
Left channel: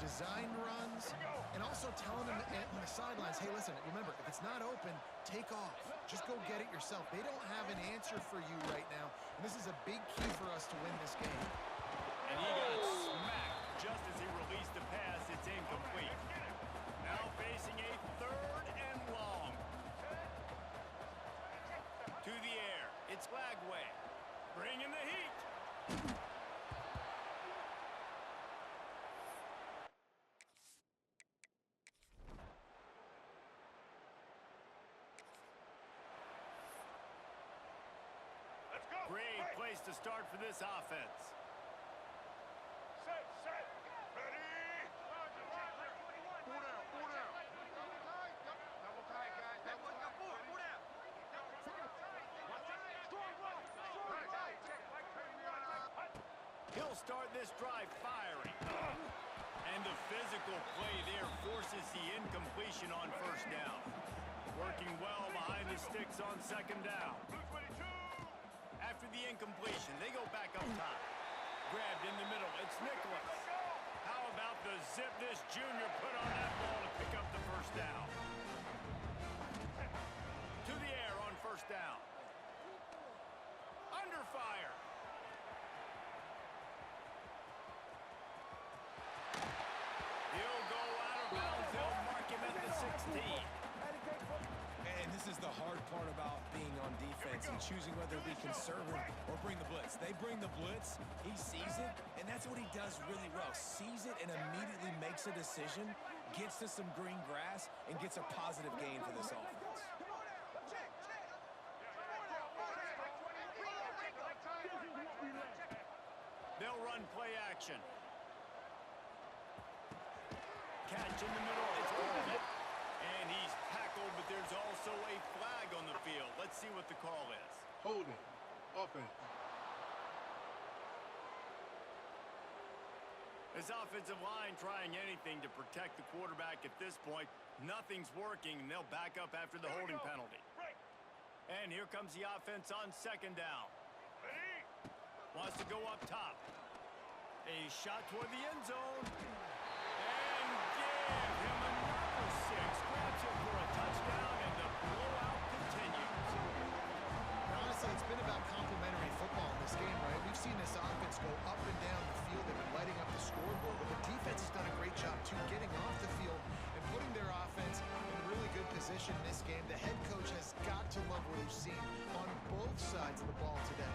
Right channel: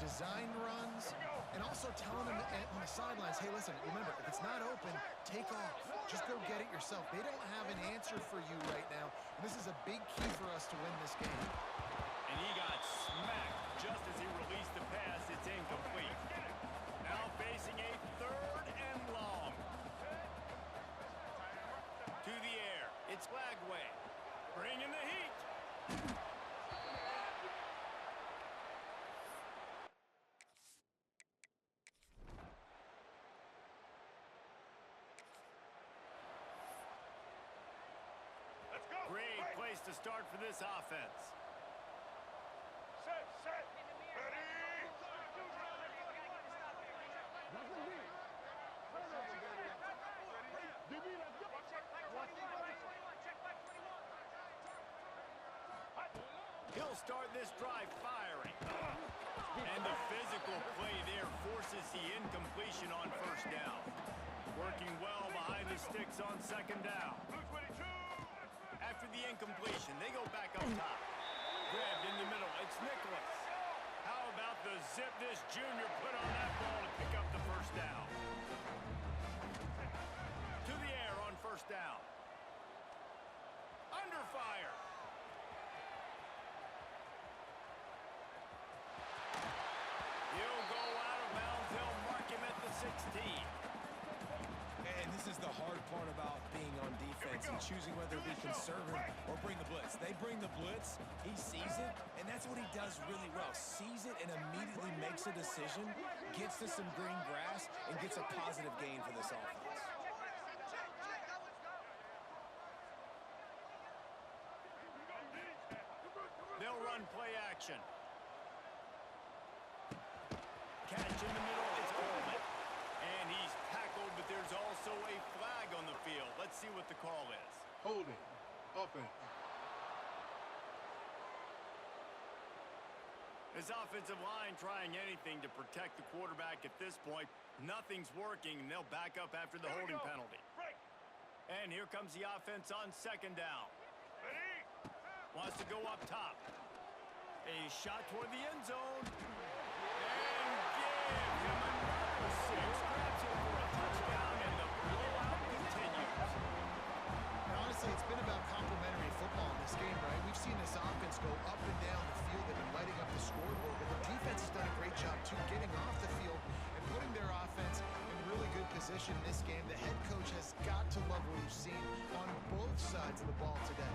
Design runs, and also telling them on the sidelines, hey, listen, remember, if it's not open, take off. Just go get it yourself. They don't have an answer for you right now, and this is a big key for us to win this game. And he got smacked just as he released the pass. It's incomplete. Now facing a 3rd and long. To the air. It's Lagway. Bringing the heat. Let's go. Great place to start for this offense. Set, set. Ready. He'll start this drive firing. And the physical play there forces the incompletion on first down. Working well behind the sticks on second down. Blue 22. After the incompletion, they go back up top. Grabbed in the middle, it's Nicholas. How about the zip this junior put on that ball to pick up the first down? To the air on first down. Under fire. He'll go out of bounds. They'll mark him at the 16. And this is the hard part about being on defense and choosing whether to be conservative or bring the blitz. They bring the blitz, he sees it, and that's what he does really well. Sees it and immediately makes a decision, gets to some green grass, and gets a positive gain for this offense. They'll run play action. Catch in the middle, it's Coleman. And he's tackled, but there's also a flag on the field. Let's see what the call is. Holding. Offense. The This offensive line trying anything to protect the quarterback at this point. Nothing's working, and they'll back up after the holding penalty. Break. And here comes the offense on second down. Ready? Wants to go up top. A shot toward the end zone. And give him another 6. Grabs him for a touchdown, and the blowout continues. And honestly, it's been about complementary football in this game, right? We've seen this offense go up and down the field. They've been lighting up the scoreboard, but the defense has done a great job, too, getting off the field and putting their offense in really good position in this game. The head coach has got to love what he's seen on both sides of the ball today.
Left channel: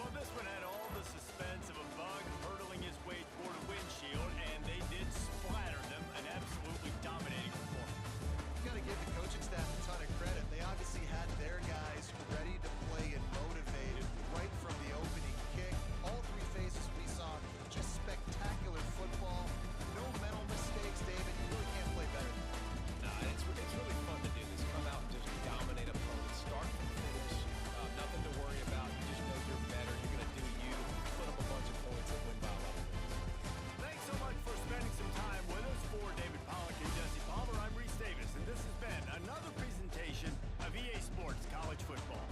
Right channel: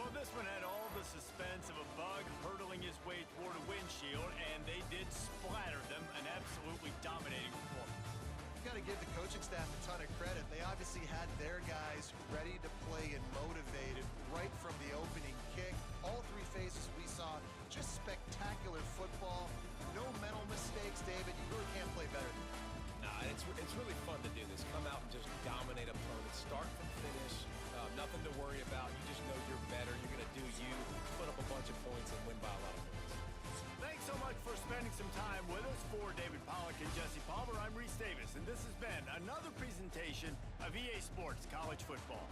Well, this one had all the suspense of a bug hurtling his way toward a windshield, and they did splatter them. An absolutely dominating performance. You got to give the coaching staff a ton of credit. They obviously had their guys ready to play and motivated right from the opening kick. All three phases we saw, just spectacular football. No mental mistakes, David. You really can't play better than that. Nah, it's really fun to do this. Come out and just dominate opponents, start from finish. Nothing to worry about. You just know you're better. You're going to do you, put up a bunch of points, and win by a lot of points. Thanks so much for spending some time with us. For David Pollack and Jesse Palmer, I'm Reese Davis, and this has been another presentation of EA Sports College Football.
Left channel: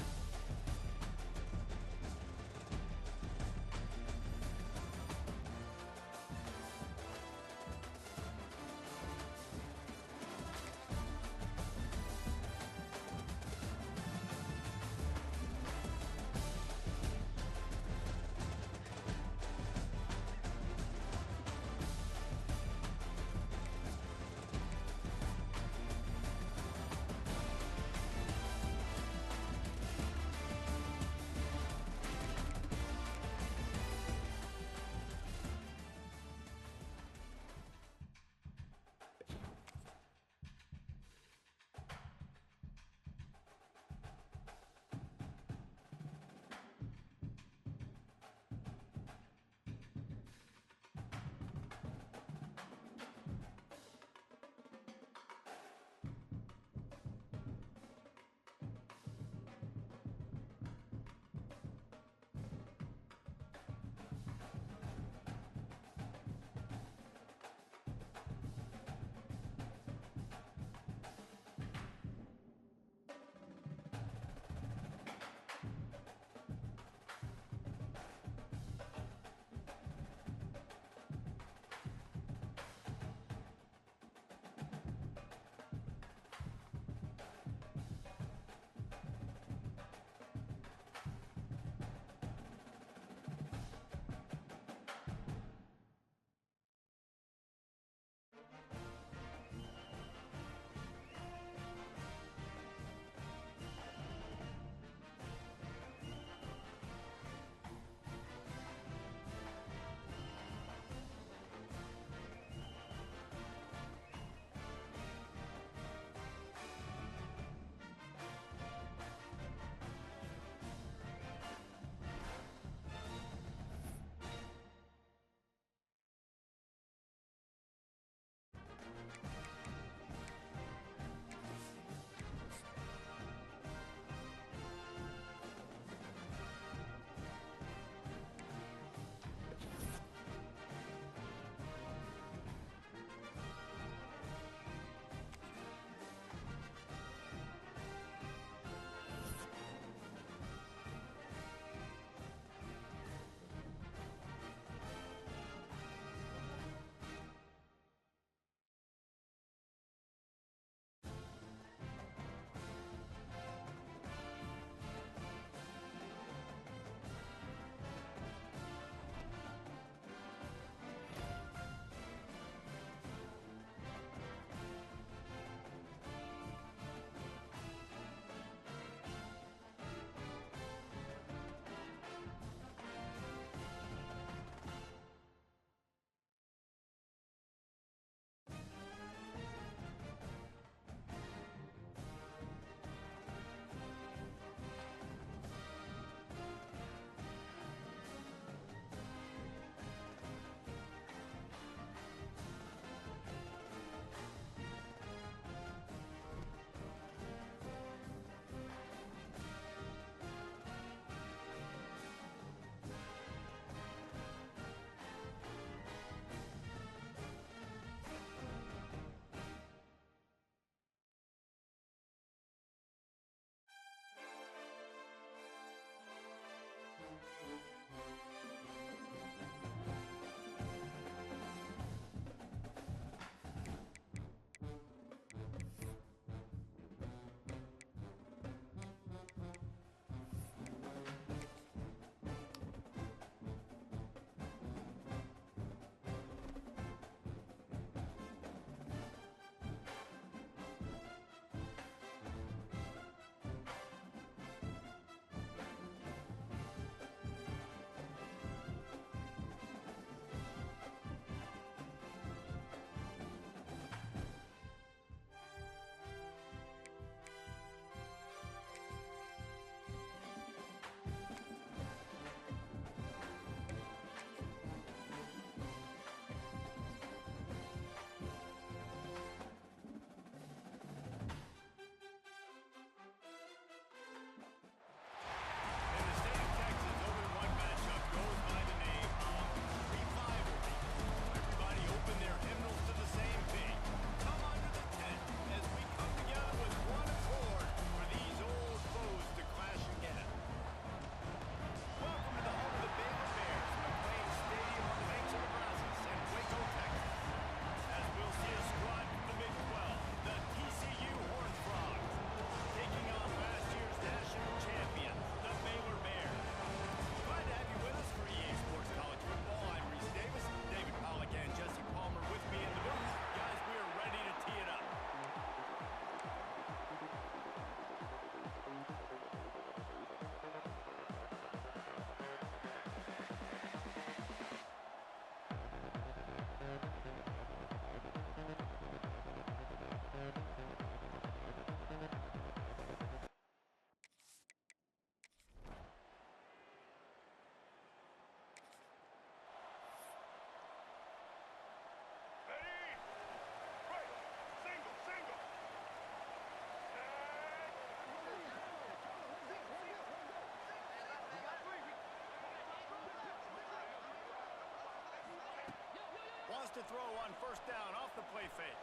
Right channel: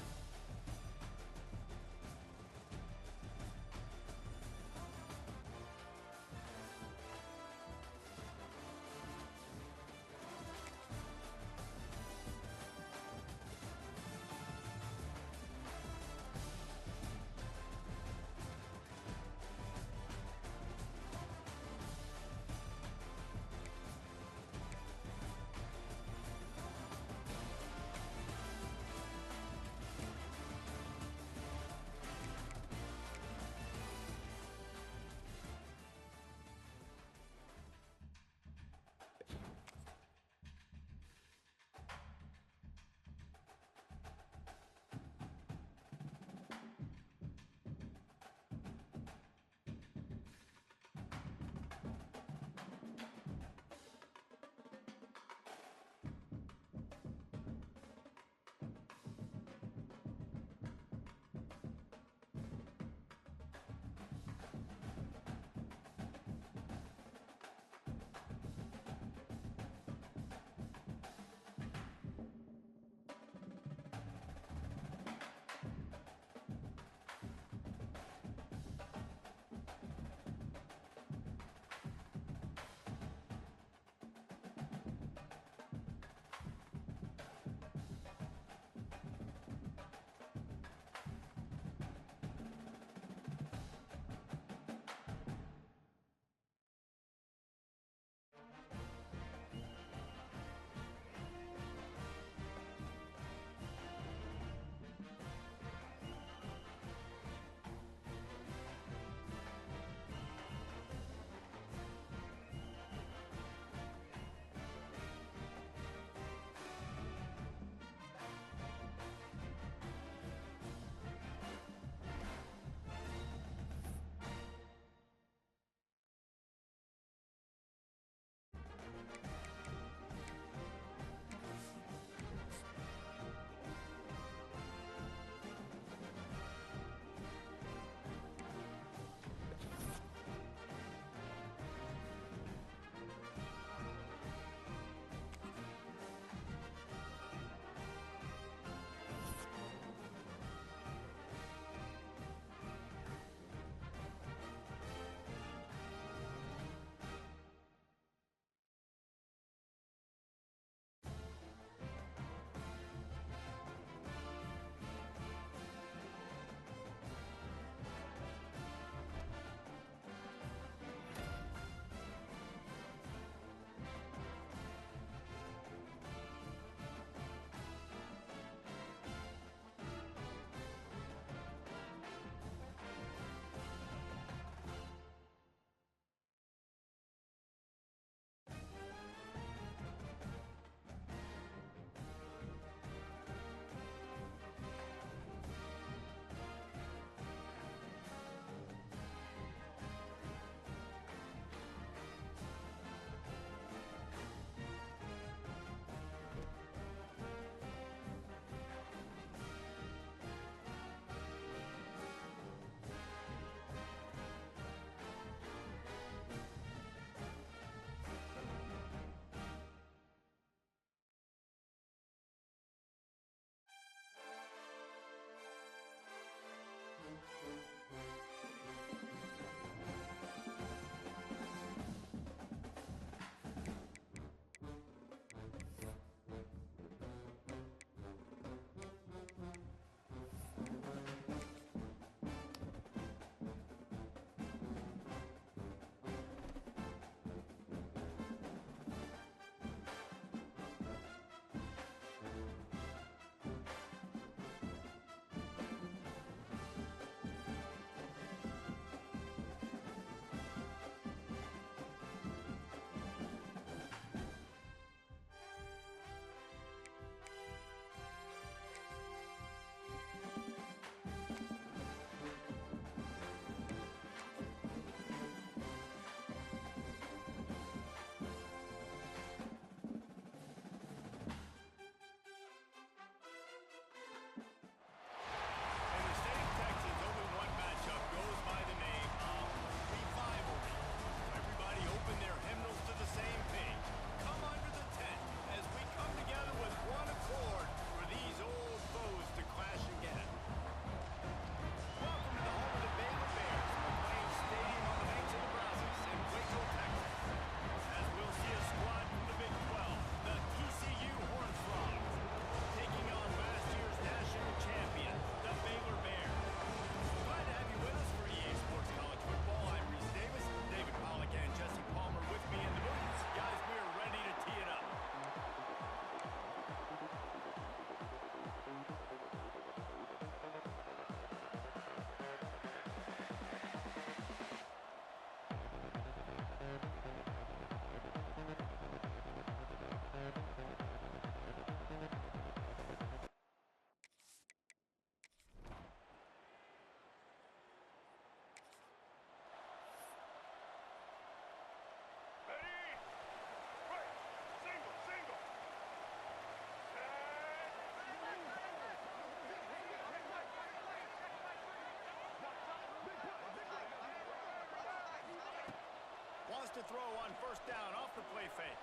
Wants to throw on first down off the play fake.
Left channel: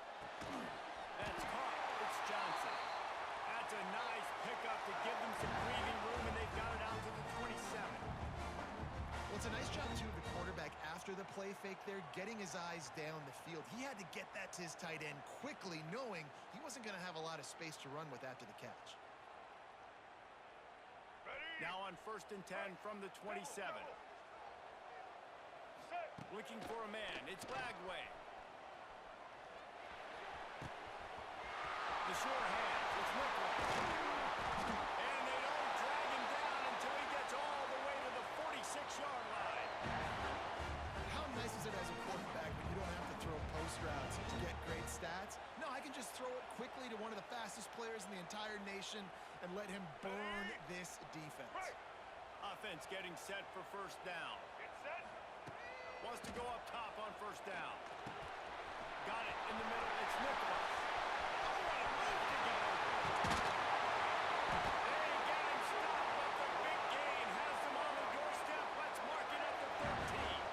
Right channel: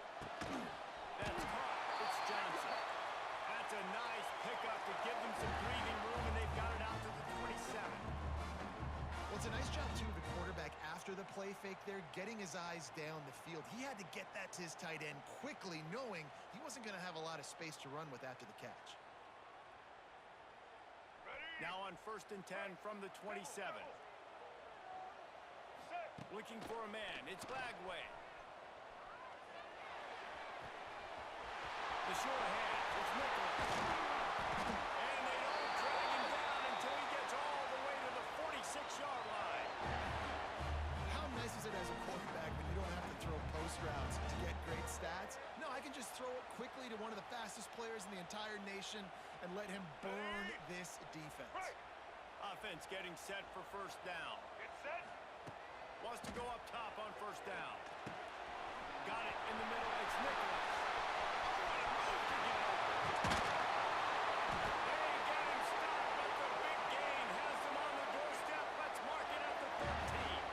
That's caught. It's Johnson. That's a nice pickup to give them some breathing room, and they've got it out to the 27. Well, it's a nice job, too, of the quarterback after the play fake there, getting his eyes down the field. He had to get that to his tight end quickly, knowing he wasn't going to have a lot of space to run with after the catch. Ready? Now on 1st and 10 from the 27. Set. Looking for a man. It's Lagway. The short hands. It's Nicholas. And they don't drag him down until he gets all the way to the 46-yard line. How nice is it as a quarterback when you don't have to throw post routes to get great stats? No, I can just throw it quickly to one of the fastest players in the entire nation and let him burn this defense. Right. Offense getting set for first down. Get set. Wants to go up top on first down. Got it in the middle. It's Nicholas. Oh, what a move to get open. They get him stopped, but the big gain has them on the doorstep. Let's mark it at the 13.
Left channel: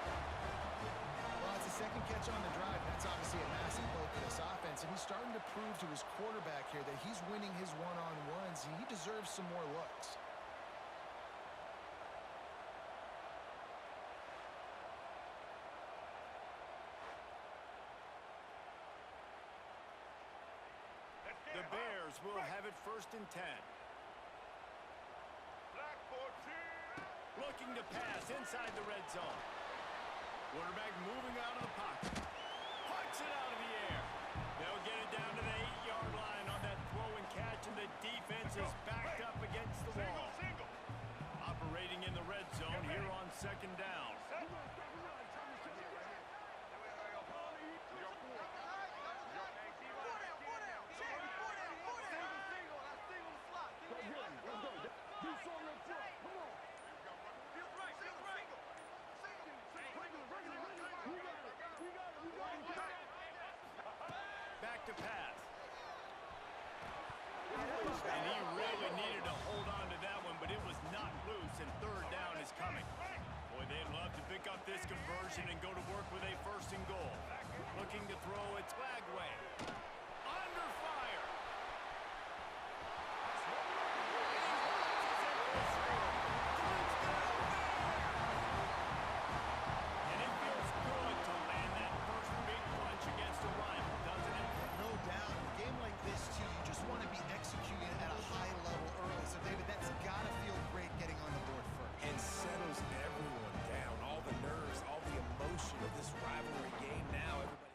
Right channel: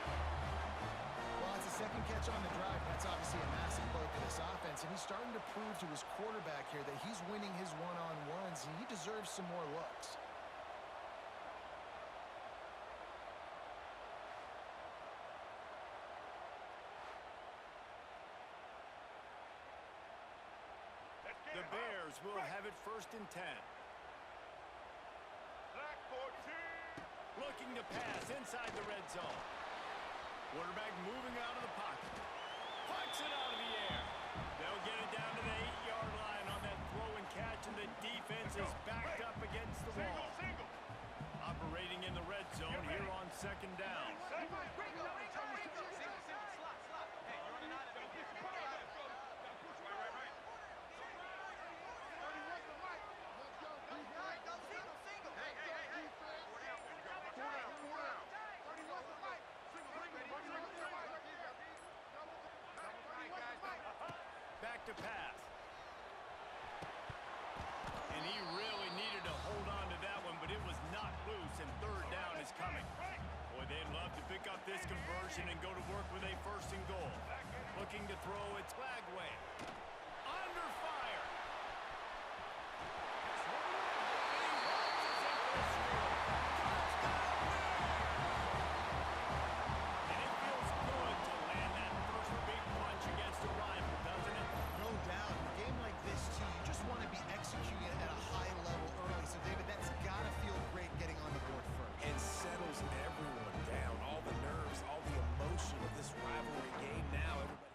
Well, it's the second catch on the drive. That's obviously a massive play for this offense, and he's starting to prove to his quarterback here that he's winning his one-on-ones, and he deserves some more looks. Let's get The it. Bears will have it 1st and 10. Black 14. Looking to pass inside the red zone. Quarterback moving out of the pocket. Pucks it out of the air. They'll get it down to the 8-yard line on that throw and catch, and the defense is backed up against the wall. Single. Operating in the red zone here on 2nd down. Set. Back to pass. And he really needed to hold on to that one, but it was not loose, and 3rd down is coming. Boy, they'd love to pick up this conversion and go to work with a 1st and goal. Looking to throw, it's Lagway. Under fire. And he launches in for a score. Touchdown Bears! And it feels good to land that first big punch against a rival, doesn't it? No doubt. In a game like this, too, you just want to be executing at a high level early. So, David, that's got to feel great getting on the board first. And settles everyone down. All the nerves, all the emotion of this rivalry game now. Everybody.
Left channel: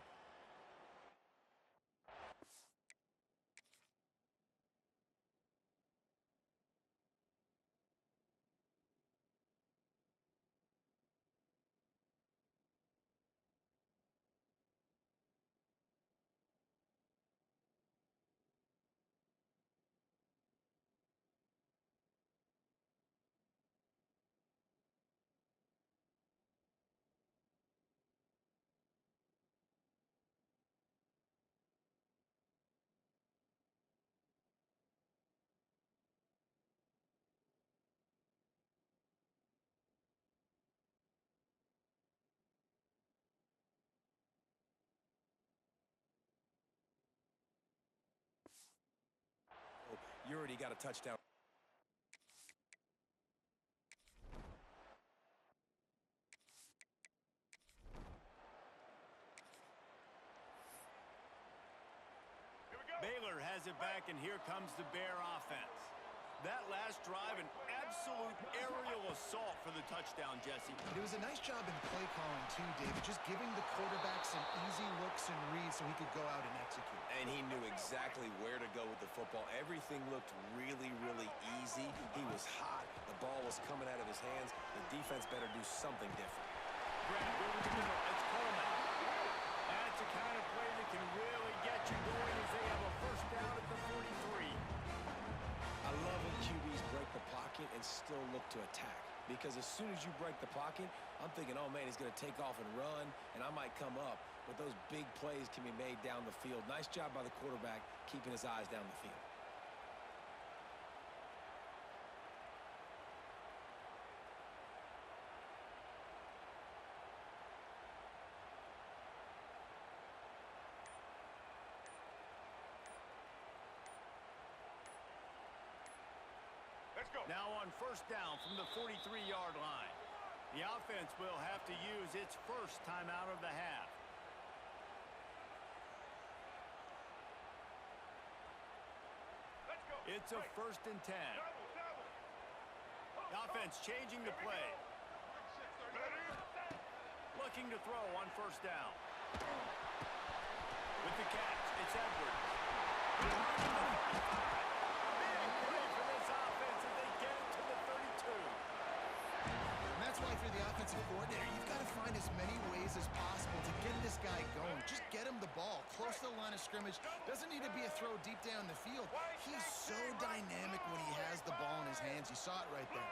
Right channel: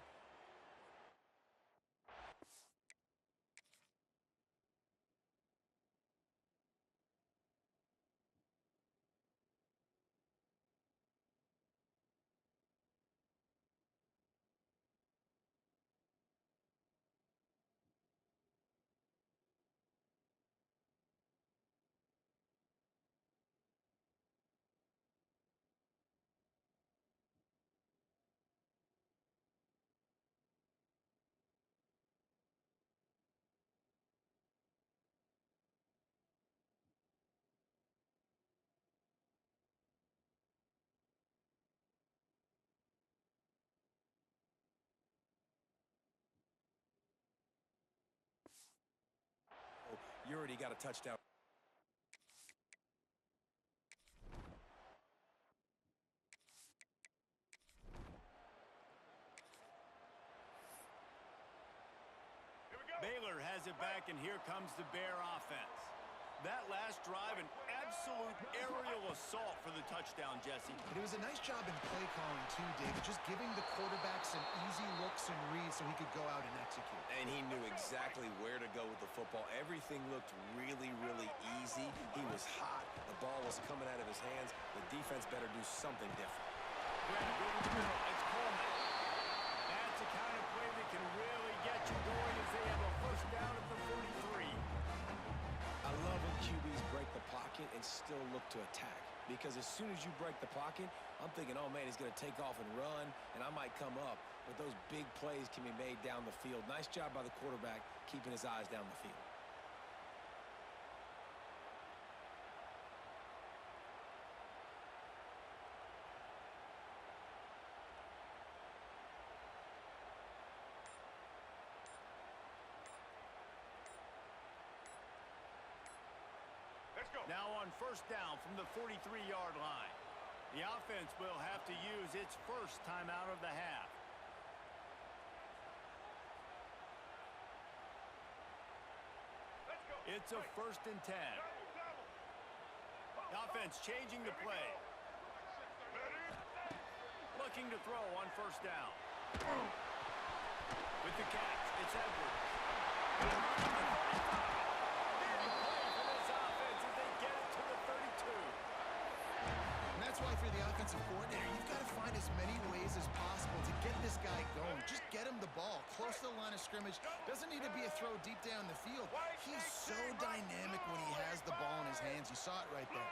You already got a touchdown. Here we go. Baylor has it back, and here comes the Bear offense. That last drive, an absolute aerial assault for the touchdown, Jesse. It was a nice job in play calling, too, David, just giving the quarterback some easy looks and reads so he could go out and execute. And he knew exactly where to go with the football. Everything looked really, really easy. He was hot. The ball was coming out of his hands. The defense better do something different. Grabbed over the middle. It's Coleman. That's the kind of play that can really get you going as they have a first down at the 43. I love when QBs break the pocket and still look to attack. Because as soon as you break the pocket, I'm thinking, oh, man, he's going to take off and run, and I might come up. But those big plays can be made down the field. Nice job by the quarterback keeping his eyes down the field. Let's go. Now on first down from the 43-yard line. The offense will have to use its first timeout of the half. Let's go. It's a Right. 1st and 10. Double, double. The offense changing the Here we play. go. Ready? Looking to throw on first down. With the catch, it's Edwards. Edwards to the 35. Big play for this offense as they get it to the 32. And that's why, if you're the offensive coordinator, you've got to find as many ways as possible to get this guy going. Just get him the ball close to the line of scrimmage. Doesn't need to be a throw deep down the field. He's so dynamic when he has the ball in his hands. You saw it right there.